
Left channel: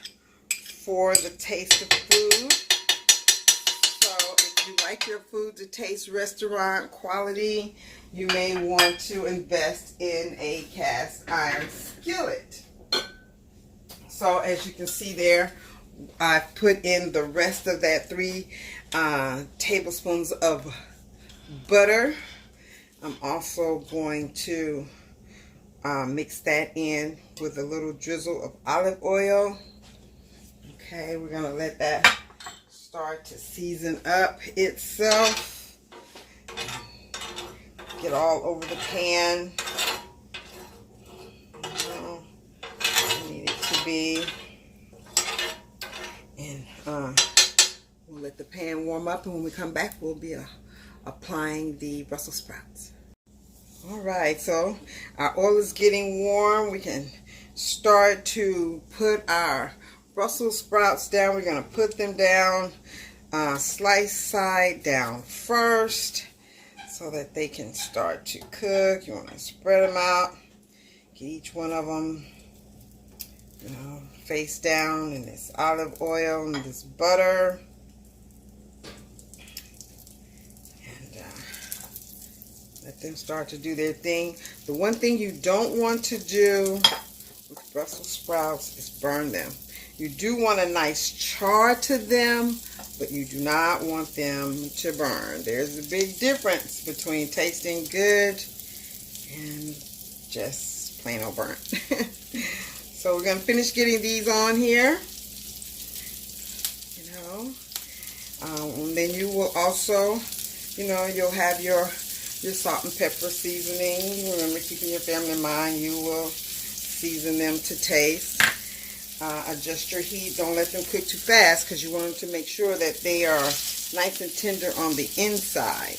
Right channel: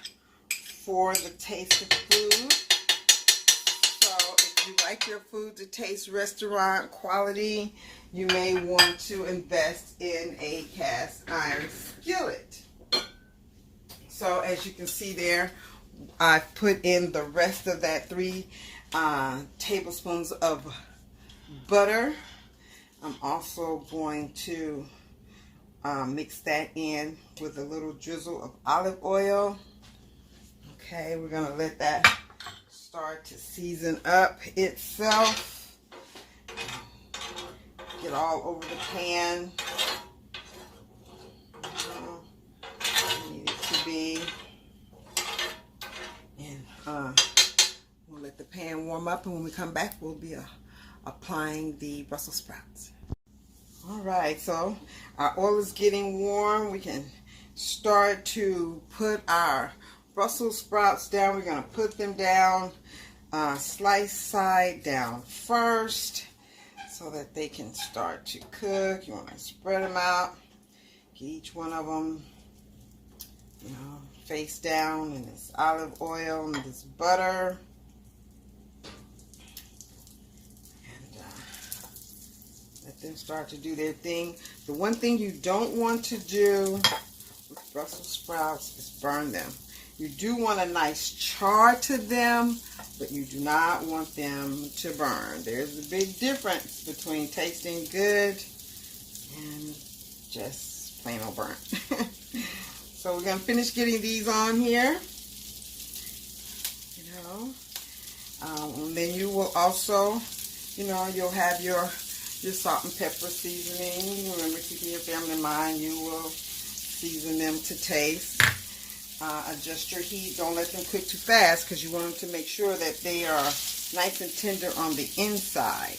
for the taste of food. So if you like your food to taste restaurant quality, you may want to invest in a cast iron skillet. So as you can see there, I put in the rest of that 3 tablespoons of butter. I'm also going to mix that in with a little drizzle of olive oil. Okay, we're going to let that start to season up itself. Get all over the pan. I need it to be. And we'll let the pan warm up, and when we come back, we'll be applying the Brussels sprouts. All right, so our oil is getting warm. We can start to put our Brussels sprouts down. We're going to put them down, slice side down first, so that they can start to cook. You want to spread them out, get each one of them, face down in this olive oil and this butter. them start to do their thing. The one thing you don't want to do with Brussels sprouts is burn them. You do want a nice char to them, but you do not want them to burn. There's a big difference between tasting good and just plain old burnt. So we're going to finish getting these on here. And then you will also, you'll have your salt and pepper seasoning. Remember, keeping your family in mind, you will season them to taste. Adjust your heat. Don't let them cook too fast because you want them to make sure that they are nice and tender on the inside.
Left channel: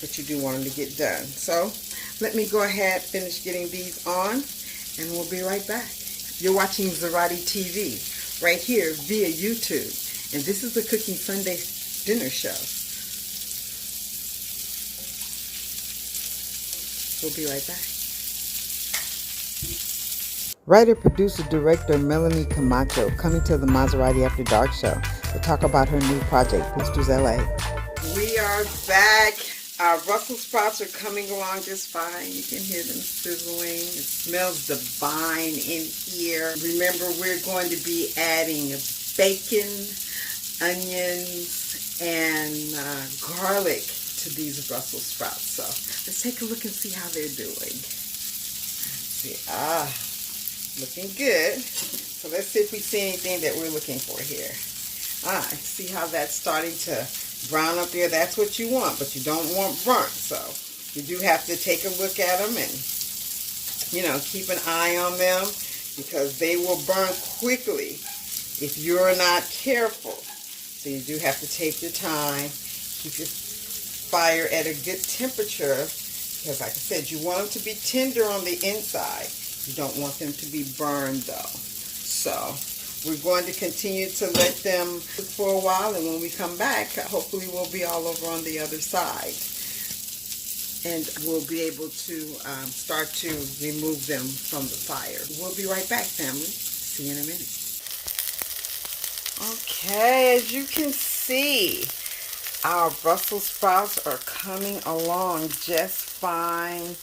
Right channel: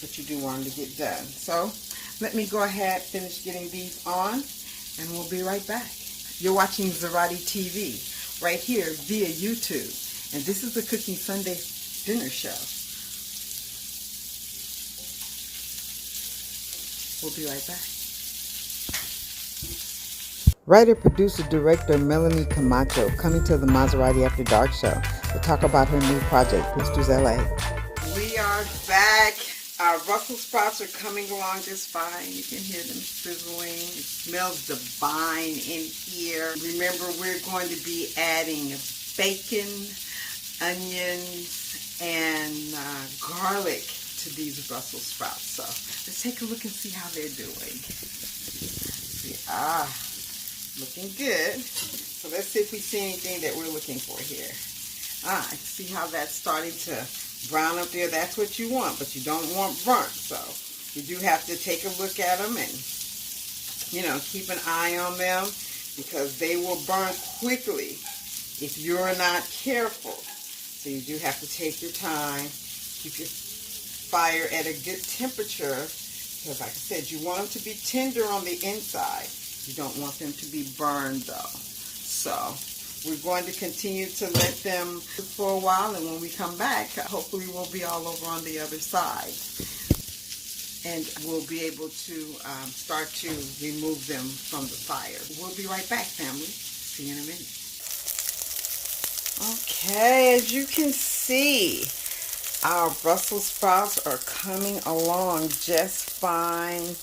But you do want them to get done. So let me go ahead, finish getting these on, and we'll be right back. You're watching Mazerati TV right here via YouTube. And this is the Cooking Sunday Dinner Show. We'll be right back. Writer, producer, director Melanie Camacho coming to the Mazerati After Dark show to talk about her new project, Boosters LA. We are back. Our Brussels sprouts are coming along just fine. You can hear them sizzling. It smells divine in here. Remember, we're going to be adding bacon, onions, and garlic to these Brussels sprouts. So let's take a look and see how they're doing. See, looking good. So let's see if we see anything that we're looking for here. See how that's starting to brown up there? That's what you want, but you don't want burnt. So you do have to take a look at them and, keep an eye on them because they will burn quickly if you're not careful. So you do have to take your time, keep your fire at a good temperature because, like I said, you want them to be tender on the inside. You don't want them to be burned though. So we're going to continue to let them cook for a while, and when we come back, hopefully we'll be all over on the other side. And we'll be able to start to remove them from the fire. We'll be right back, family. See you in a minute. Okay, as you can see, our Brussels sprouts are coming along just fine.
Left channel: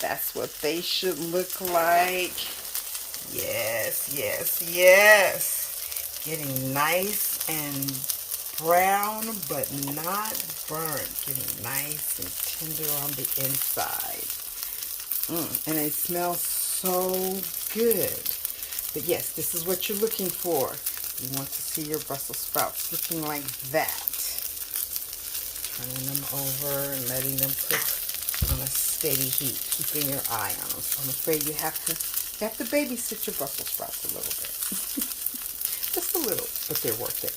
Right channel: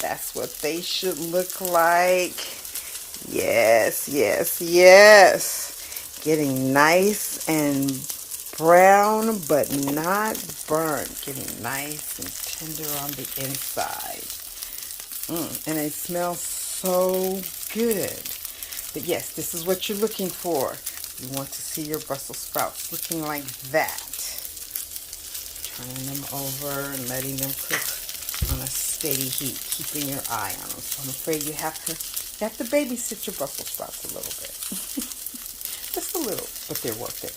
That's what they should look like. Yes, yes, yes. Getting nice and brown, but not burnt. Getting nice and tender on the inside. And they smell so good. But yes, this is what you're looking for. You want to see your Brussels sprouts looking like that. Turning them over and letting them cook on a steady heat, keeping your eye on them. So I'm afraid you have to babysit your Brussels sprouts a little bit. Just a little, but they're worth it.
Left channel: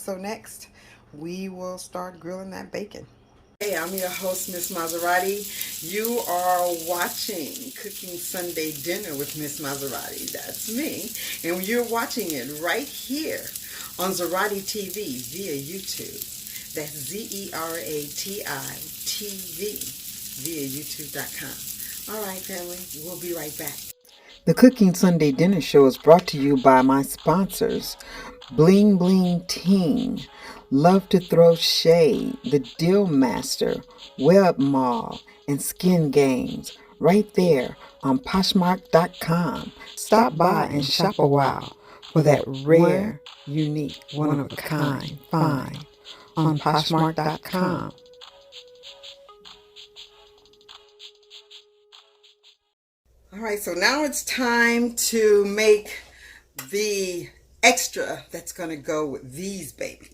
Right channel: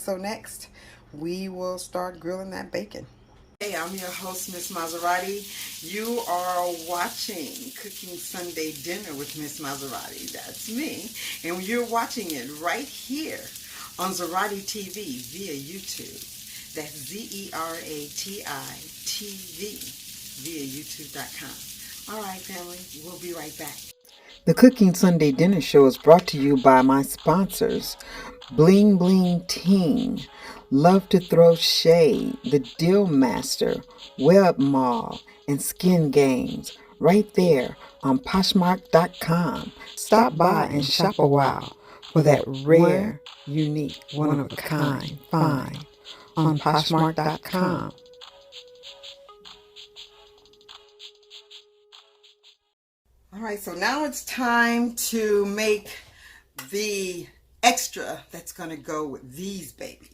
So next, we will start grilling that bacon. Hey, I'm your host, Miss Mazerati. You are watching Cooking Sunday Dinner with Miss Mazerati. That's me. And you're watching it right here on Mazerati TV via YouTube. That's Zerati TV via YouTube.com. All right, family, we'll be right back. The Cooking Sunday Dinner Show is brought to you by my sponsors, Bling Bling Team, Love to Throw Shade, The Deal Master, Web Mall, and Skin Games, right there on Poshmark.com. Stop by and shop a while for that rare, unique, one-of-a-kind find on Poshmark.com. All right, so now it's time to make the extra that's going to go with these babies.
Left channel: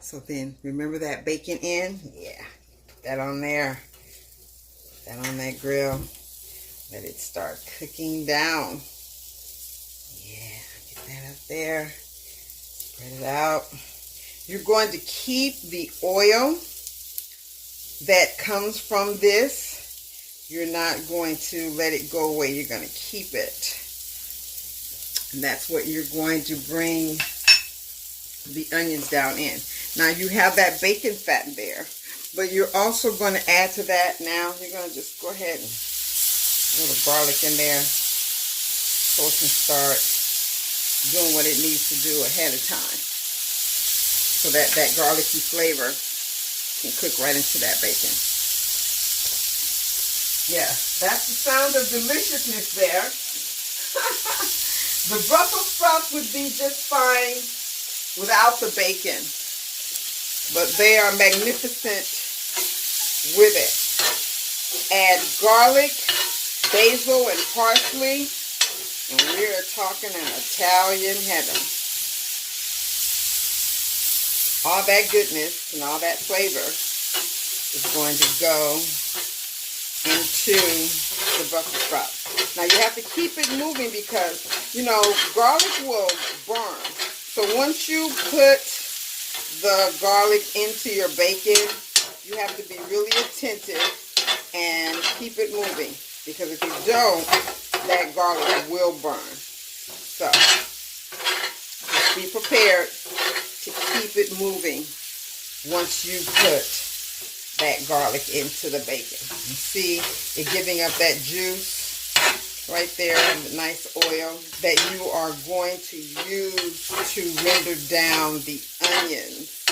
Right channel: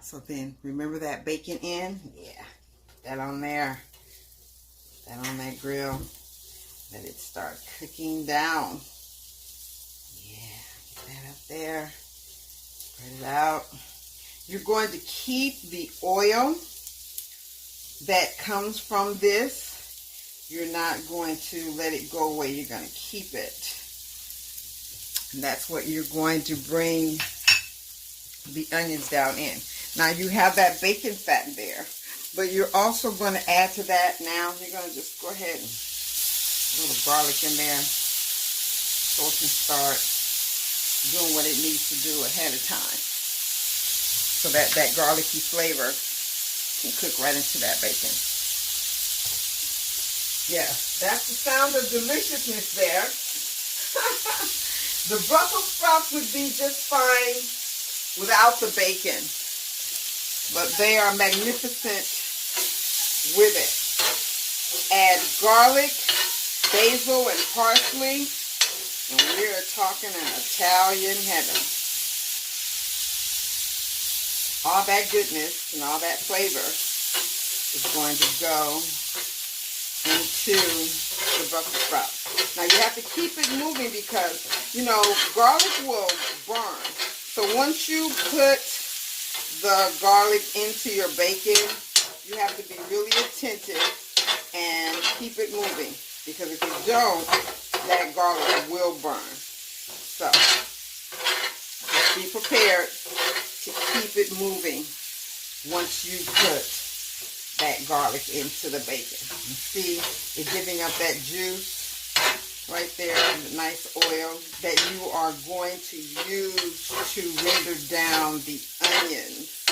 So then, remember that bacon in? Yeah, put that on there. Put that on that grill. Let it start cooking down. Yeah, get that up there. Spread it out. You're going to keep the oil that comes from this. You're not going to let it go away. You're going to keep it. And that's what you're going to bring the onions down in. Now you have that bacon fat there, but you're also going to add to that now. You're going to just go ahead and put a little garlic in there so it can start doing what it needs to do ahead of time. So that garlicky flavor can cook right into that bacon. Yeah, that's the sound of deliciousness there. The Brussels sprouts would be just fine without the bacon, but they are magnificent with it. Add garlic, basil, and parsley, and we are talking an Italian heaven. All that goodness and all that flavor is going to go into the Brussels sprouts. Now you have to keep it moving because, you know, garlic will burn. So once you put the garlic into your bacon, you have to be really attentive and keep it moving, because if you don't, that garlic will burn. So just be prepared to keep it moving once you put that garlic into the bacon. You see it giving up that juice right there, the nice oil that you are going to use to render down the onions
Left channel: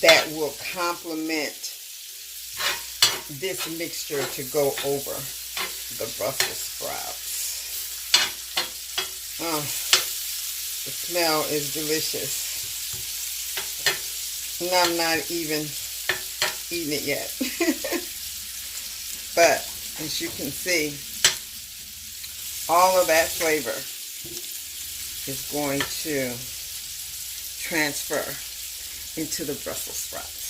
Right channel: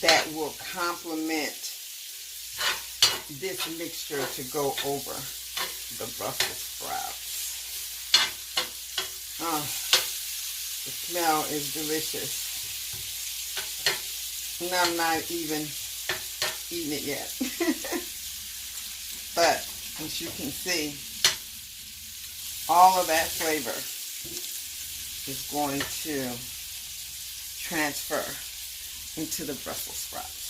that will complement this mixture to go over the Brussels sprouts. Oh, the smell is delicious. And I'm not even eating it yet. But as you can see, all of that flavor is going to transfer into the Brussels sprouts.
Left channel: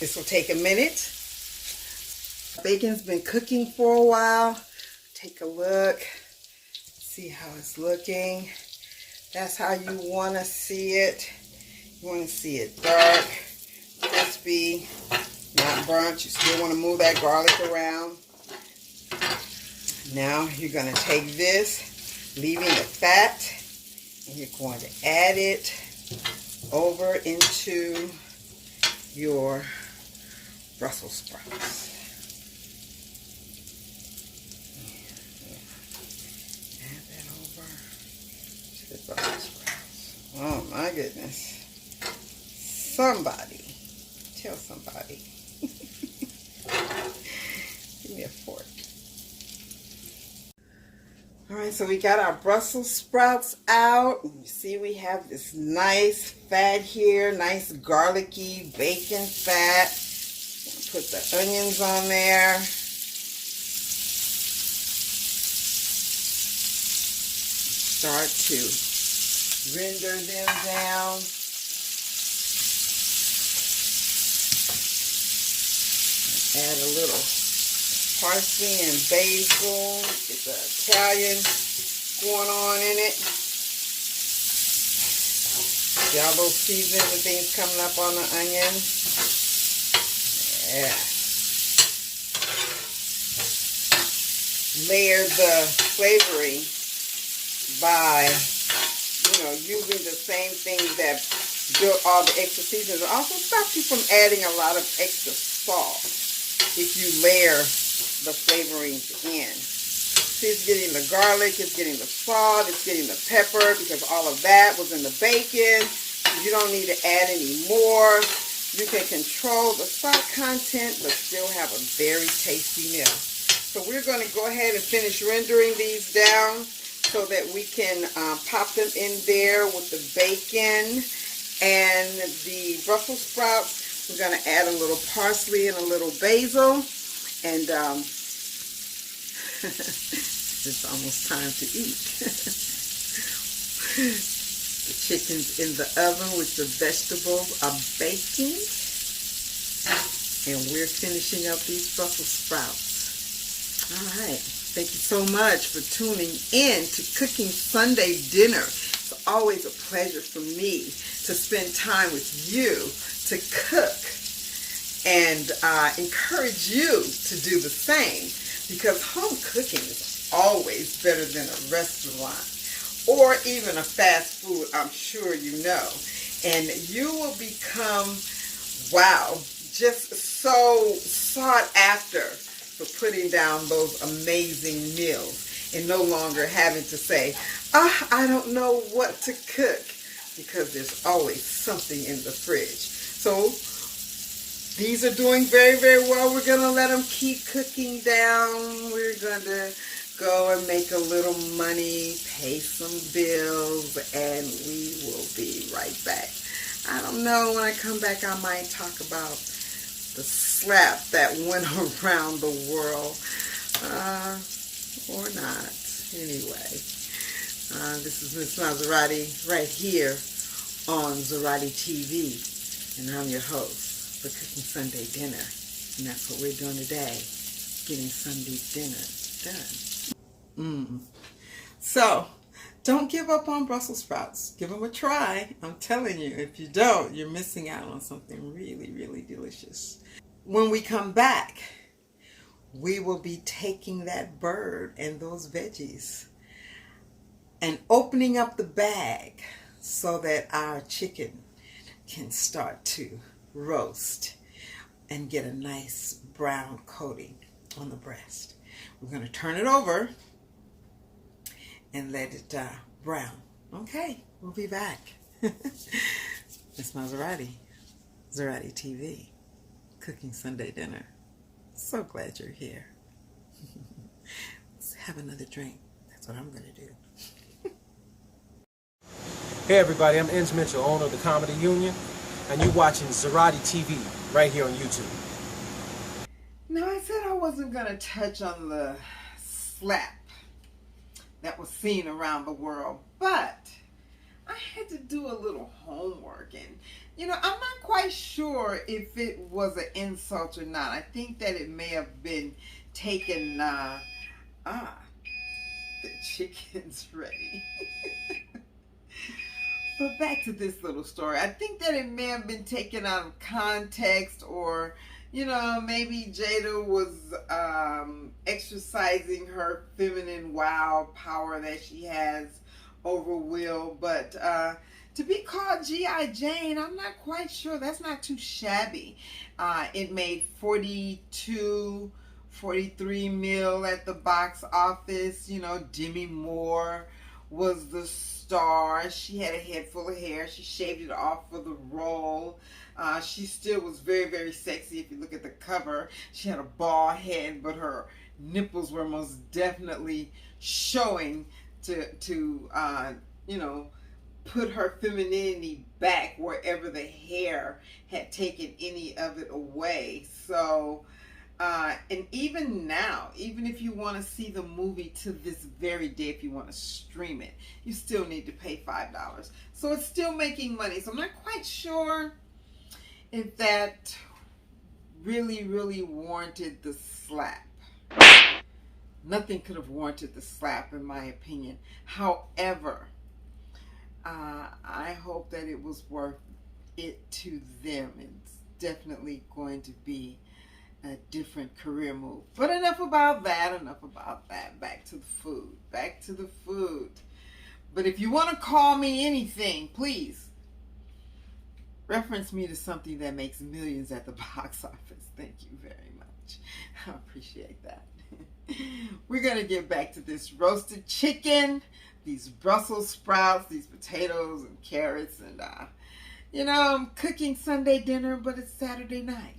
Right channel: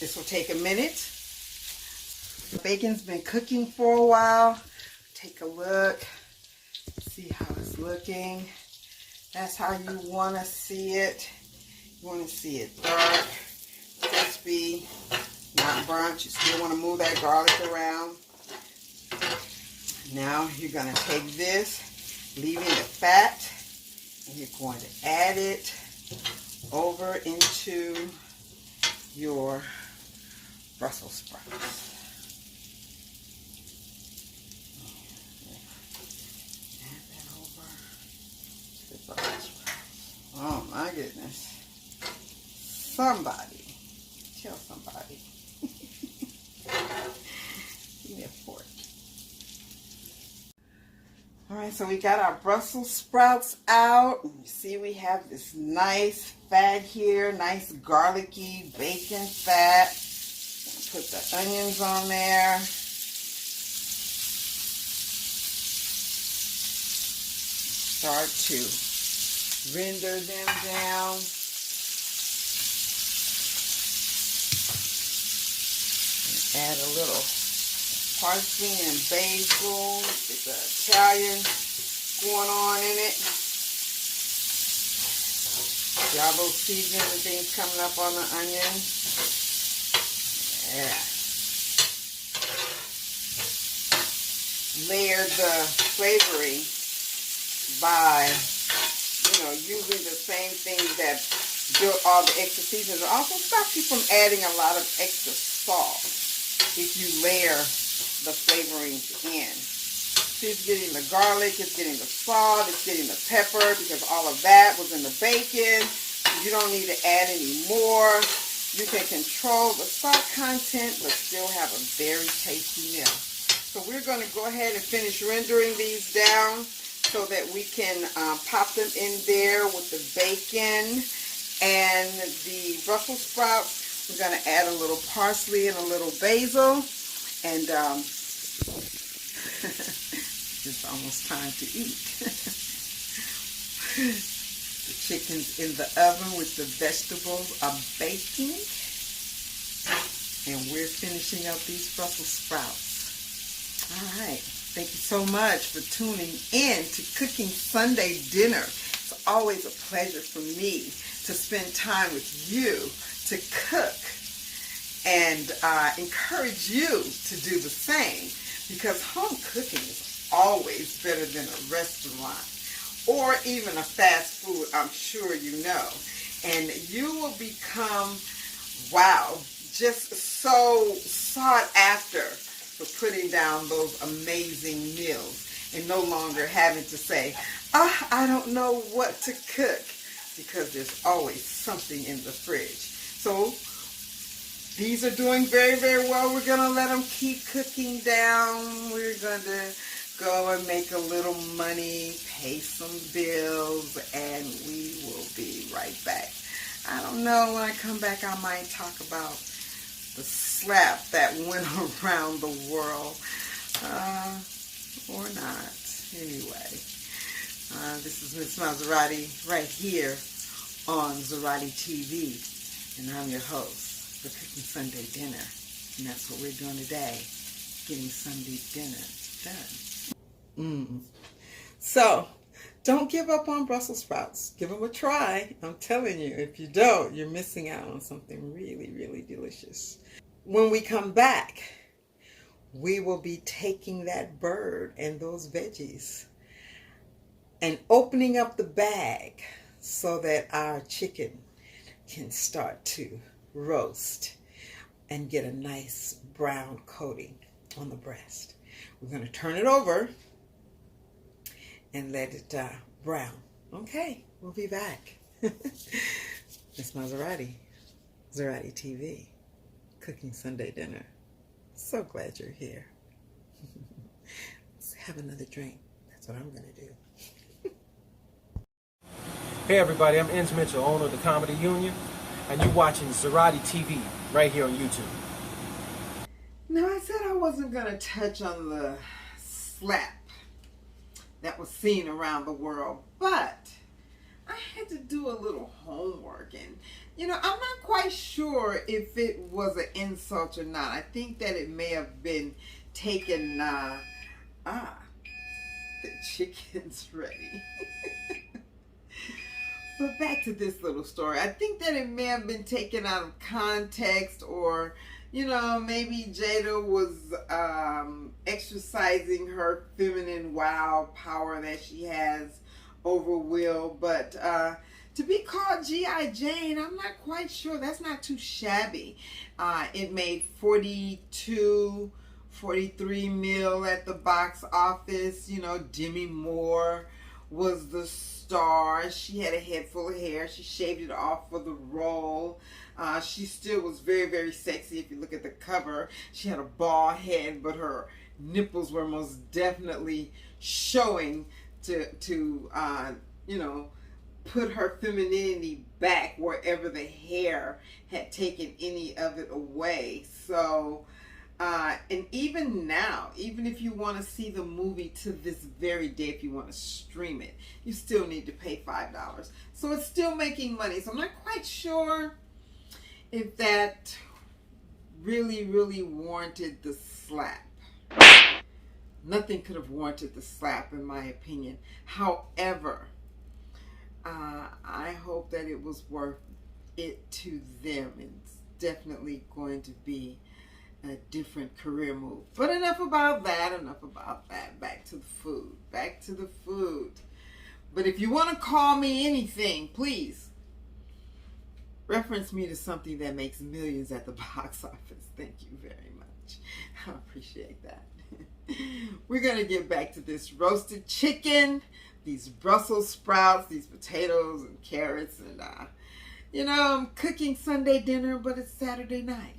This will take a minute. The bacon's been cooking for a while. Take a look. See how it's looking. That's how you want to see it. You want to see it dark, crispy, not burnt. You still want to move that garlic around. Now you're going to take this, leaving the fat, and you're going to add it over into your Brussels sprouts. Add that over to the Brussels sprouts. Oh my goodness. Somebody, tell somebody. Give me a fork. All right, so we got our Brussels sprouts out. You see we have this nice fat here, nice garlicky bacon fat. Put the onions on there. Start to render them down. Add a little parsley and basil. Get the Italian going on in it. See all those seasonings and things coming up on the onions. Yeah. Layer the flavoring by, using the same things that built all the extra seasonings. It also stops you from adding a lot of extra salt if you layer the flavorings in. See, it's getting the garlic, it's getting the salt, it's getting the pepper, because all of that was in the bacon. You don't need to add any more. You can control the salt content, but still have a very tasty meal. So we're going to go ahead and finish rendering these down so that we can pop them in there with the bacon and the Brussels sprouts. We're going to add a little parsley and a little basil. And it's almost time to eat. The chicken's in the oven with the vegetables are baking. And we're finishing up these Brussels sprouts. All right. Thank you so much for tuning in to Cooking Sunday Dinner. It's always a pleasure for me to spend time with you to cook and encourage you to do the same, because home cooking is always better than a restaurant or even a fast food, I'm sure you know. And you will become, wow, just so sought after for putting down those amazing meals and no longer having to say, I don't know what to cook, because there's always something in the fridge. So These are doing very, very well. We're going to let them keep cooking down. We're going to go and make a little money, pay some bills, and we will be right back. I don't know, when I come back I might talk about the slap that went around the world, or not. Anyway, this is Miss Mazerati right here on Mazerati TV, and I'm your host for Cooking Sunday Dinner, and that's what we're doing today, getting Sunday dinner done. So, don't give up on Brussels sprouts. Give them a try. I'm telling you, if you don't, you're missing out on something really, really delicious. When we come back, we will be taking that bird and those veggies and opening up the bag so that our chicken can start to roast and get a nice brown coating on the breast. We're going to turn it over and let it brown. Okay, we'll be back. Miss Mazerati, Mazerati TV, cooking Sunday dinner. So glad you're here. Let's have another drink. That's what I'm going to do. Hey everybody, I'm Inge Mitchell, owner of the Comedy Union, and you're watching Mazerati TV right here on YouTube. Now, I said I wasn't going to touch on the slap that was seen around the world, but I had to do a little homework, and I'm not quite sure if it was an insult or not. I think that it may have been taken, the chicken's ready. But back to this little story. I think that it may have been taken out of context, or maybe Jada was exercising her feminine wild power that she has over Will. But to be called G.I. Jane, I'm not quite sure. That's not too shabby. It made 42, 43 mil at the box office. Demi Moore was the star. She had a head full of hair. She shaved it off for the role. She still was very, very sexy. If you look at the cover, she had a bald head, but her nipples were most definitely showing to put her femininity back wherever the hair had taken any of it away. So, and even now, even if you want to see the movie to this very day, if you want to stream it, you still need to pay $5. So it's still making money. So I'm not quite sure if that really, really warranted the slap. Nothing could have warranted the slap, in my opinion. However, I hope that it was worth it to them. It's definitely going to be a different career move. But enough about that, Back to the food. Back to the food. But if you want to call me anything, please reference me to something that makes millions at the box office. Thank you very much. I appreciate that. We're going to get back to this roasted chicken, these Brussels sprouts, these potatoes and carrots, and I'm cooking Sunday dinner, but it's Saturday night.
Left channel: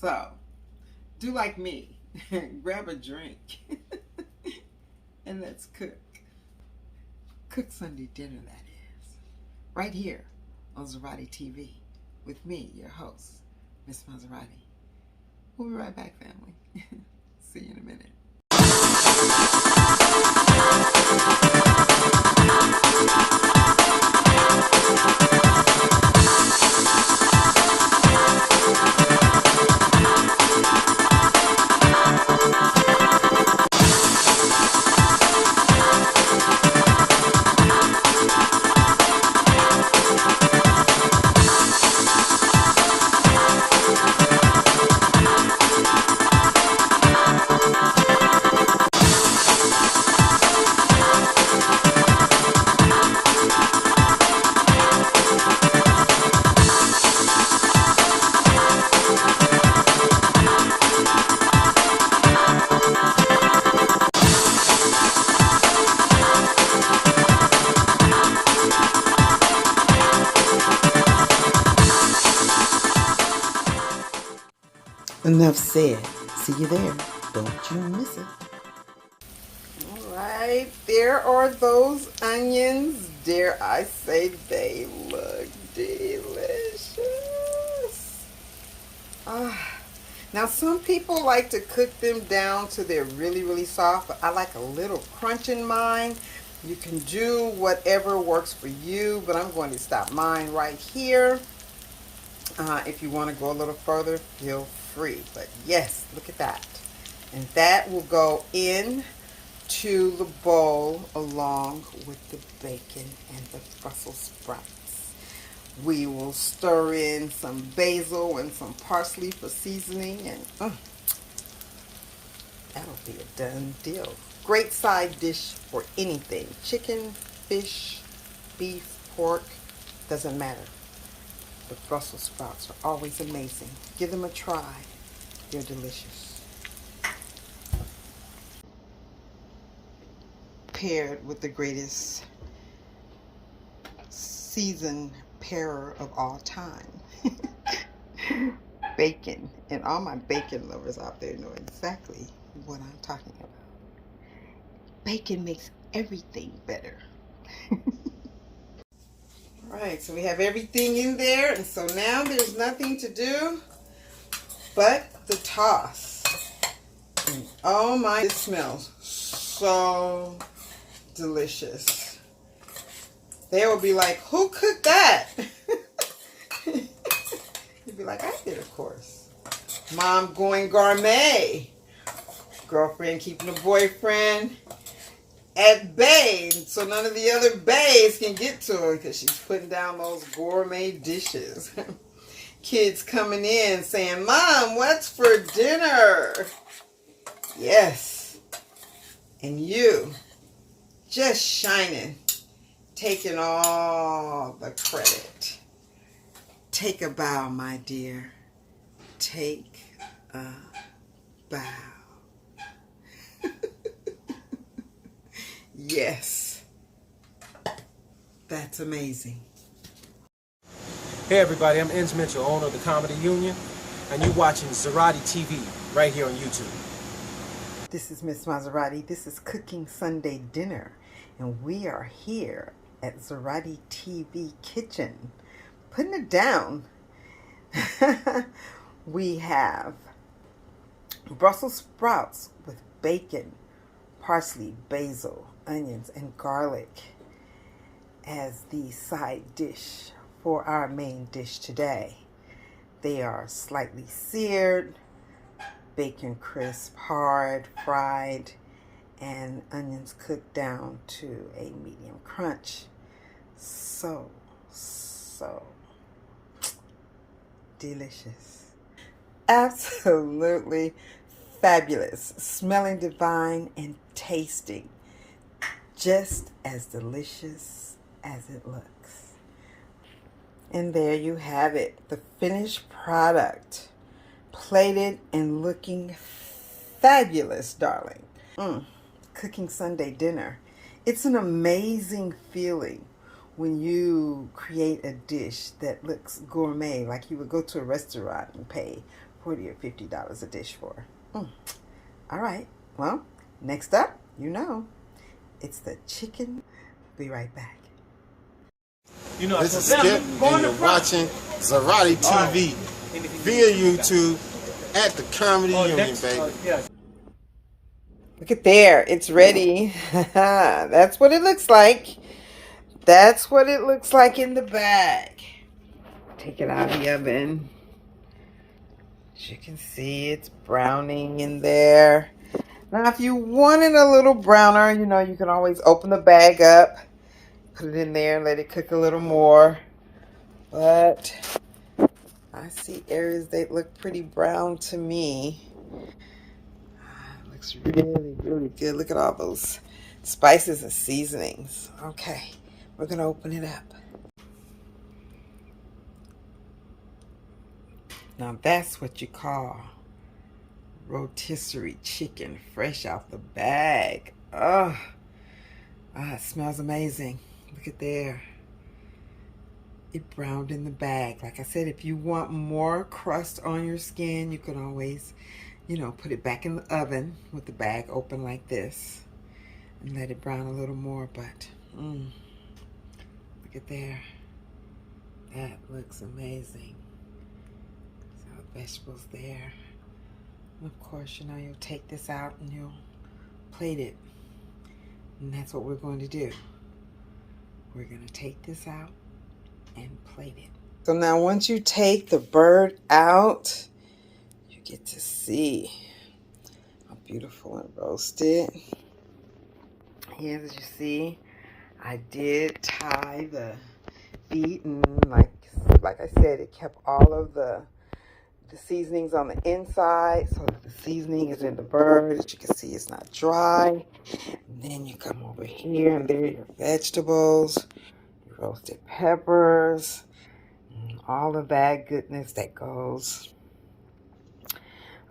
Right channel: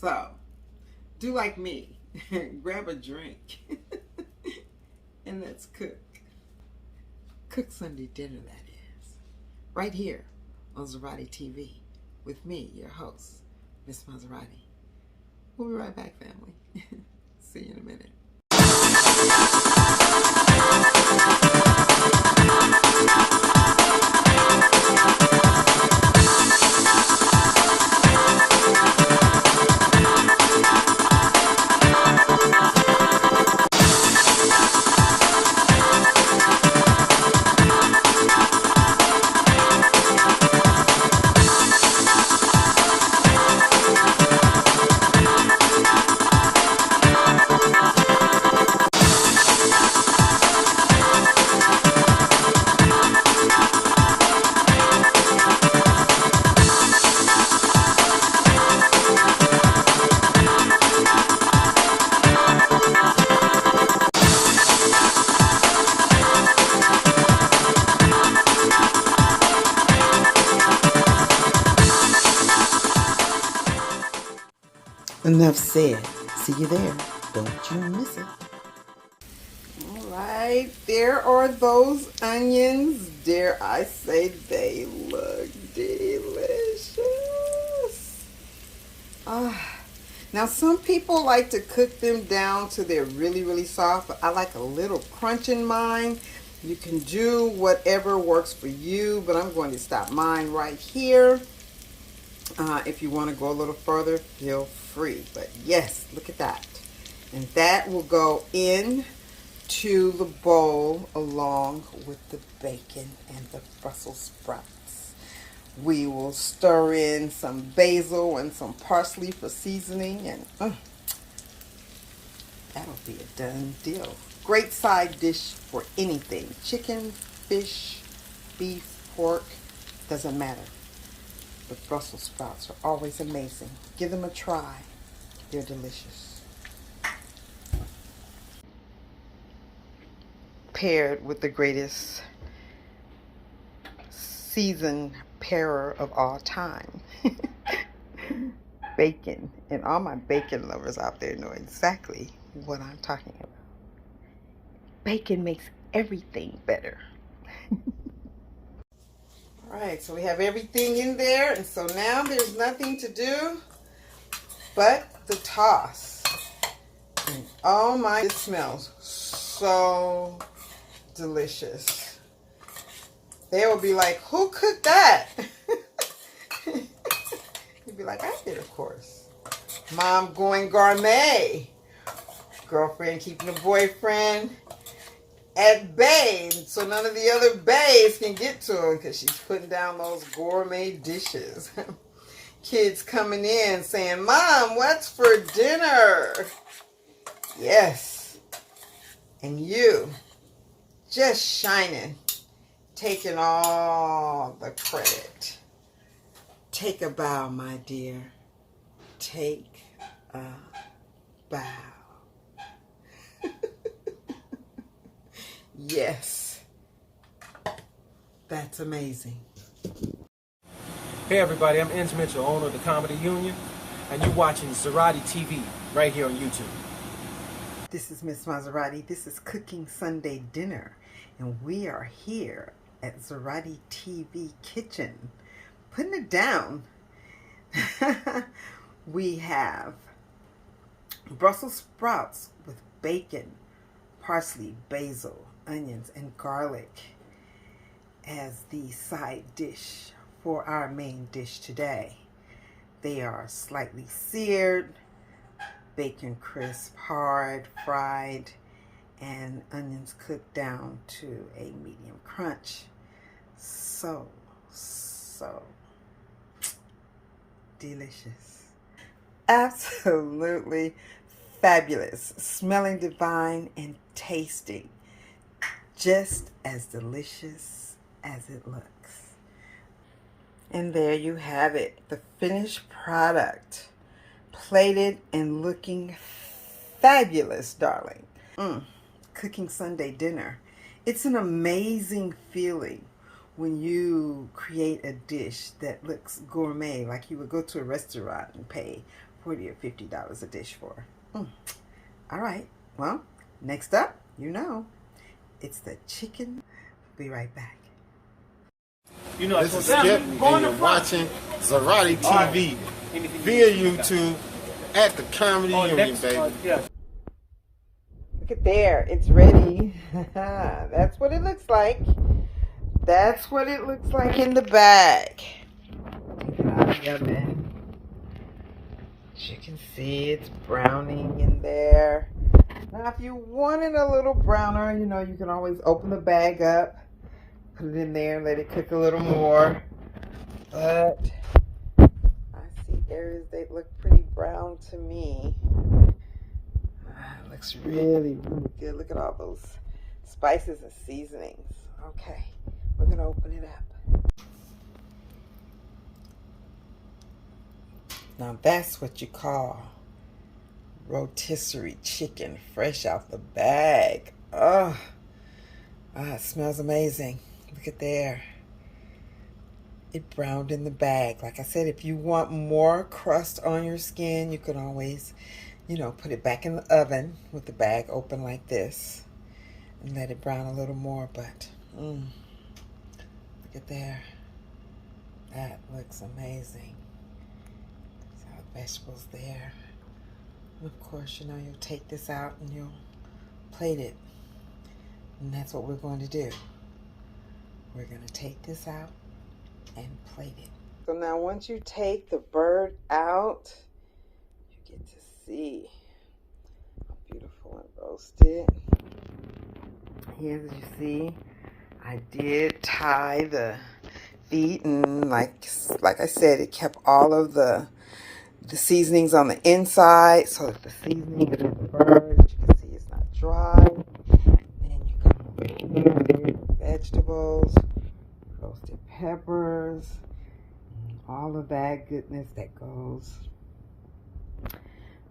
So, do like me, grab a drink, and let's cook. Cook Sunday dinner, that is. Right here on Mazerati TV with me, your host, Miss Mazerati. We'll be right back, family. See you in a minute. Enough said. See you there. Don't you miss it. All right, there are those onions. Dare I say they look delicious. Now some people like to cook them down till they're really, really soft, but I like a little crunch in mine. You can do whatever works for you, but I'm going to stop mine right here. If you want to go a little further, feel free. But yes, look at that. And that will go in to the bowl along with the bacon and the Brussels sprouts. We will stir in some basil and some parsley for seasoning, and that'll be a done deal. Great side dish for anything. Chicken, fish, beef, pork, doesn't matter. The Brussels sprouts are always amazing. Give them a try. They're delicious. Paired with the greatest seasoned pairer of all time. Bacon. And all my bacon lovers out there know exactly what I'm talking about. Bacon makes everything better. Alright, so we have everything in there, and so now there's nothing to do but the toss. And oh my, it smells so delicious. They will be like, who cooked that? You'd be like, I did, of course. Mom going gourmet. Girlfriend keeping the boyfriend at bay, so none of the other bays can get to her because she's putting down those gourmet dishes. Kids coming in saying, Mom, what's for dinner? Yes. And you just shining, taking all the credit. Take a bow, my dear. Take a bow. Yes. That's amazing. Hey everybody, I'm Enz Mitchell, owner of the Comedy Union, and you're watching Mazerati TV right here on YouTube. This is Miss Mazerati. This is Cooking Sunday Dinner, and we are here at Mazerati TV Kitchen, putting it down. We have Brussels sprouts with bacon, parsley, basil, onions, and garlic as the side dish for our main dish today. They are slightly seared, bacon crisp, hard, fried, and onions cooked down to a medium crunch. So delicious. Absolutely fabulous. Smelling divine and tasting just as delicious as it looks. And there you have it, the finished product, plated and looking fabulous, darling. Cooking Sunday dinner. It's an amazing feeling when you create a dish that looks gourmet, like you would go to a restaurant and pay $40 or $50 a dish for. All right, well, next up, it's the chicken. Be right back. You know, this is Skip, and you're watching Mazerati TV via YouTube at the Comedy Union, baby. Look at there, it's ready. That's what it looks like. That's what it looks like in the bag. Take it out of the oven. As you can see, it's browning in there. Now, if you want it a little browner, you can always open the bag up, put it in there, and let it cook a little more. But I see areas that look pretty brown to me. It looks really, really good. Look at all those spices and seasonings. Okay, we're going to open it up. Now that's what you call rotisserie chicken, fresh out the bag. It smells amazing. Look at there. it browned in the bag. Like I said, if you want more crust on your skin, you can always, you know, put it back in the oven with the bag open like this and let it brown a little more. But look at there. That looks amazing. So the vegetables there. And of course, you know, you'll take this out and you'll plate it. And that's what we're going to do. We're going to take this out and plate it. So now once you take the bird out, you get to see how beautiful and roasted. Here, as you see, I did tie the feet, and like I said, it kept all of the seasonings on the inside so that the seasoning is in the bird. As you can see, it's not dry. And then you come over here, and there are your vegetables, roasted peppers, and all of that goodness that goes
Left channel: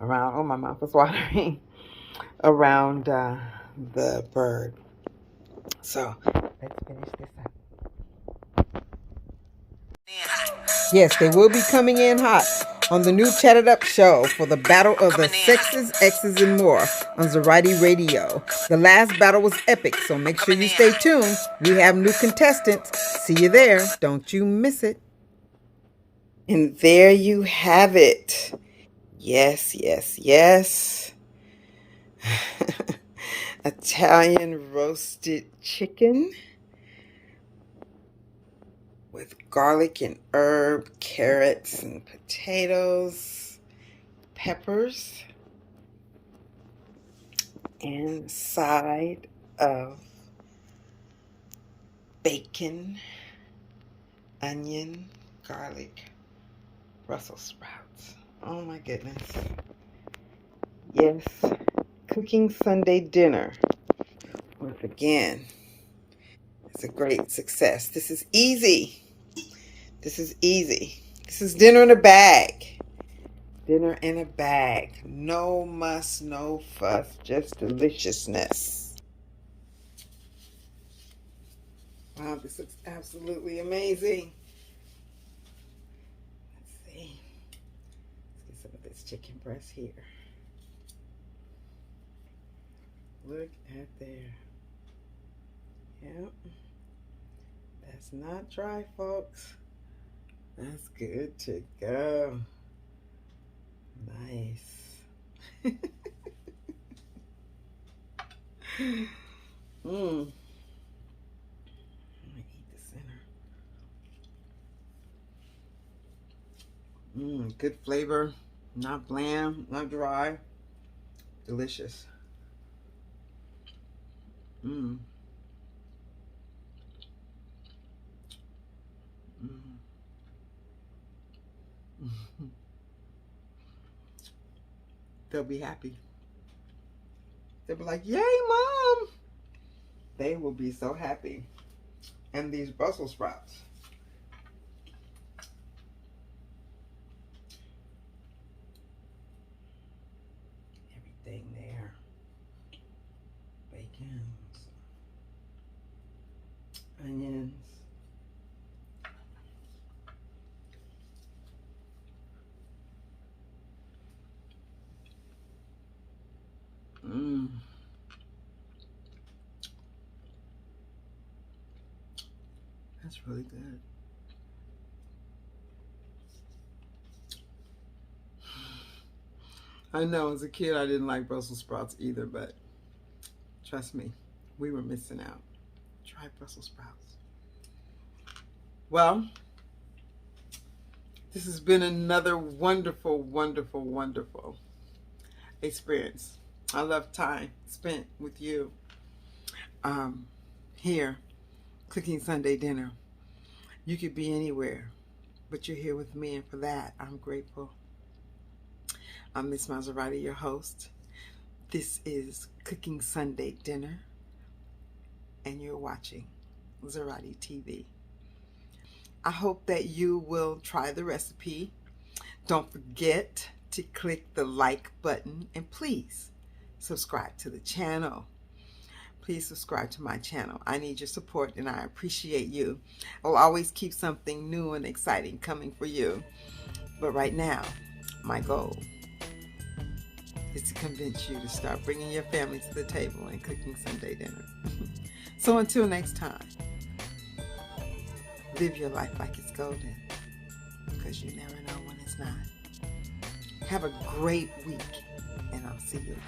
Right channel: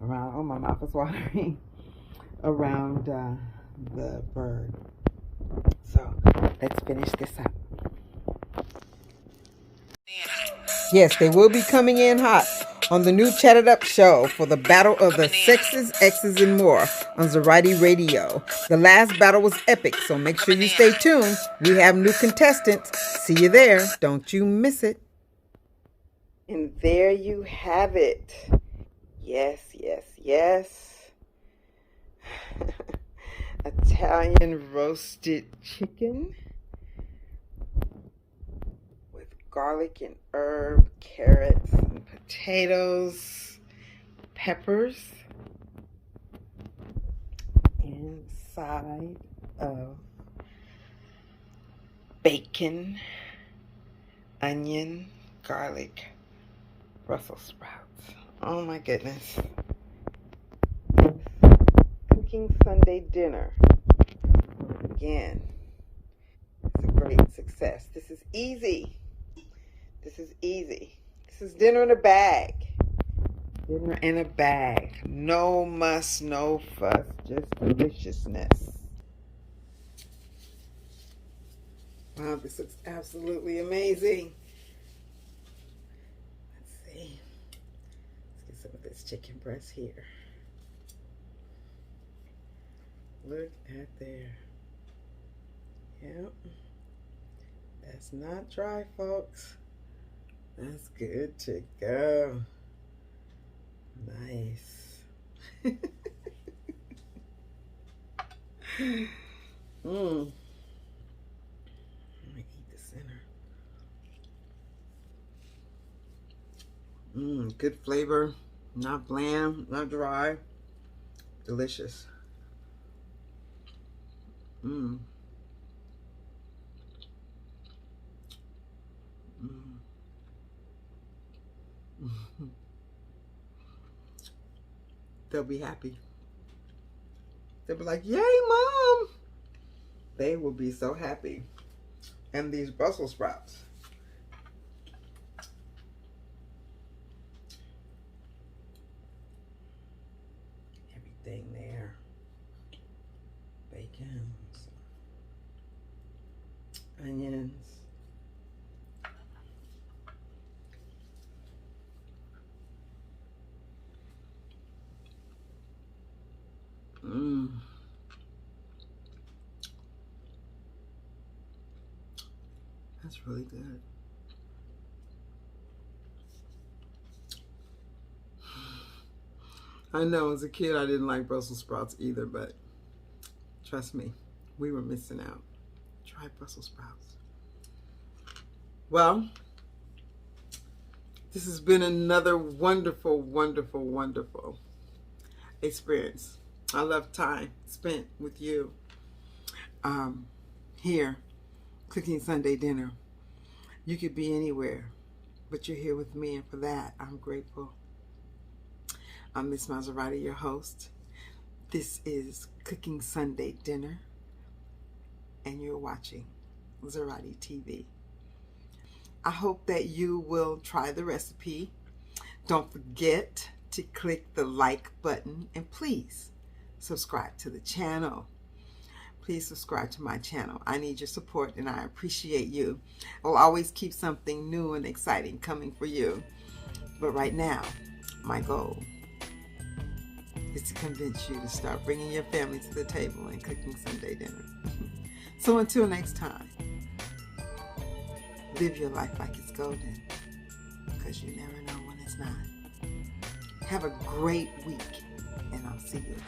around. Oh, my mouth is watering. Around the bird. So let's finish this up. Yes, they will be coming in hot on the new Chatted Up show for the Battle of the Sexes, X's, and More on Mazerati Radio. The last battle was epic, so make sure you stay tuned. We have new contestants. See you there. Don't you miss it. And there you have it. Yes, yes, yes. Italian roasted chicken with garlic and herb, carrots and potatoes, peppers, and a side of bacon, onion, garlic, Brussels sprouts. Oh my goodness. Yes. Cooking Sunday dinner. Once again, it's a great success. This is easy. This is easy. This is dinner in a bag. Dinner in a bag. No muss, no fuss, just deliciousness. Wow, this looks absolutely amazing. Let's see. Let's get some of this chicken breast here. Look at there. Yep. That's not dry, folks. That's good to go. Nice. Let me eat the center. Good flavor. Not bland, not dry. Delicious. They'll be happy. They'll be like, yay, Mom! They will be so happy. And these Brussels sprouts. Everything there. Bacon. Onions. That's really good. I know as a kid I didn't like Brussels sprouts either, but trust me, we were missing out. Try Brussels sprouts. Well, this has been another wonderful, wonderful, wonderful experience. I love time spent with you here, cooking Sunday dinner. You could be anywhere, but you're here with me, and for that, I'm grateful. I'm Miss Mazerati, your host. This is Cooking Sunday Dinner, and you're watching Mazerati TV. I hope that you will try the recipe. Don't forget to click the like button, and please subscribe to the channel. please subscribe to my channel. I need your support and I appreciate you. I'll always keep something new and exciting coming for you. But right now, my goal is to convince you to start bringing your family to the table and cooking Sunday dinner. So until next time, live your life like it's golden, because you never know when it's not. Have a great week, and I'll see you again.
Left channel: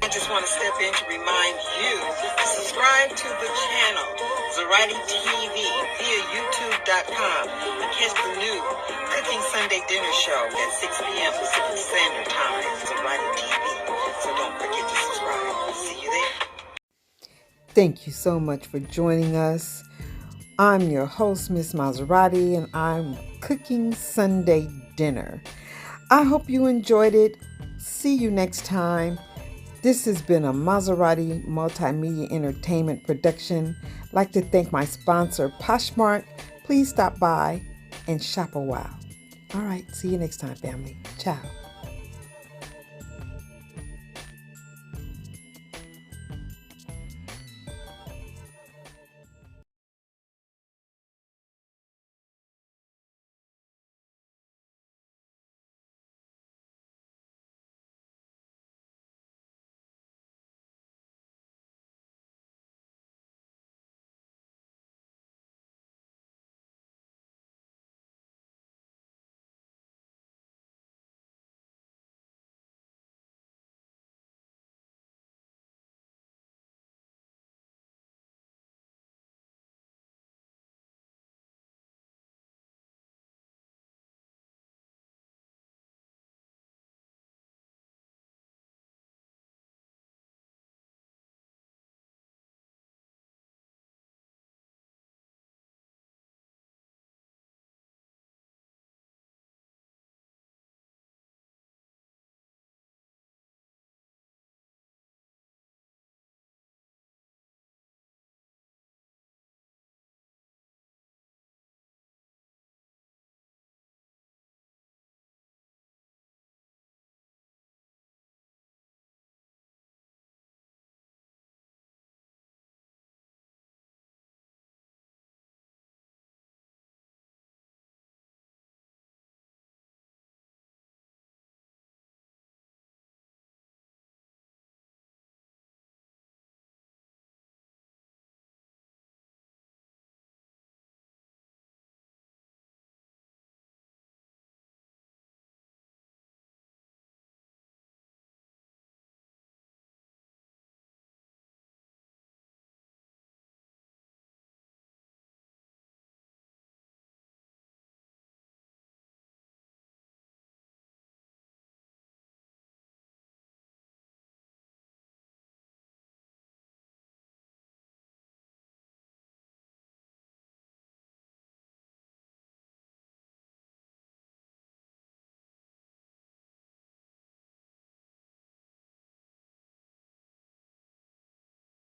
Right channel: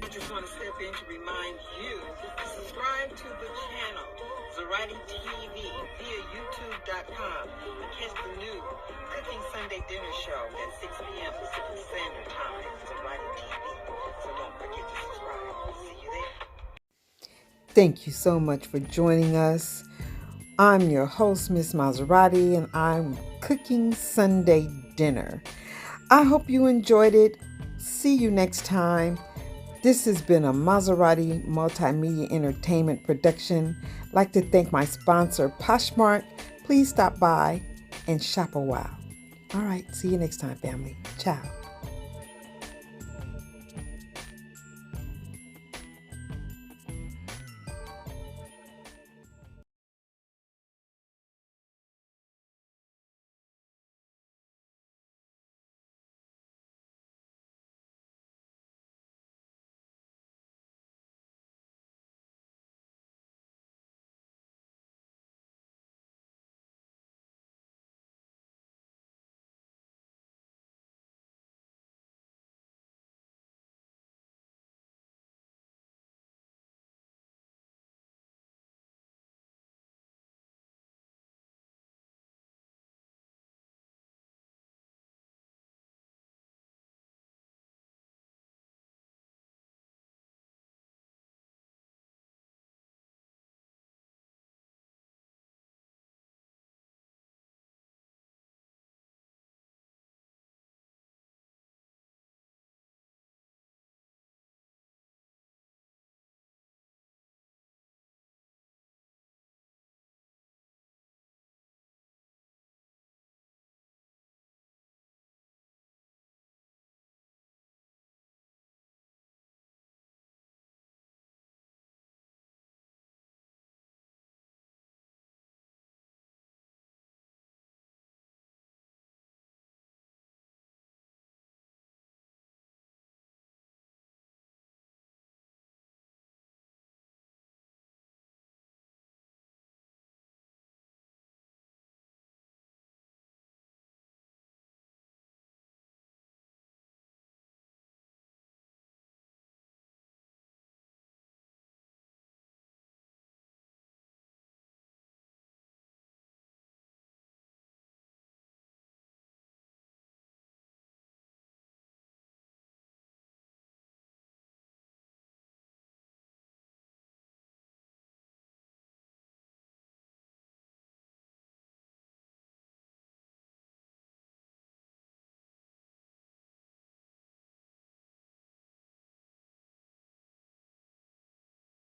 I just want to step in to remind you to subscribe to the channel, Mazerati TV, via YouTube.com, and catch the new Cooking Sunday Dinner Show at 6 p.m. Pacific Standard Time, Mazerati TV. So don't forget to subscribe. See you there. Thank you so much for joining us. I'm your host, Miss Mazerati, and I'm cooking Sunday dinner. I hope you enjoyed it. See you next time. This has been a Mazerati Multimedia Entertainment production. I'd like to thank my sponsor, Poshmark. Please stop by and shop a while. All right, see you next time, family. Ciao.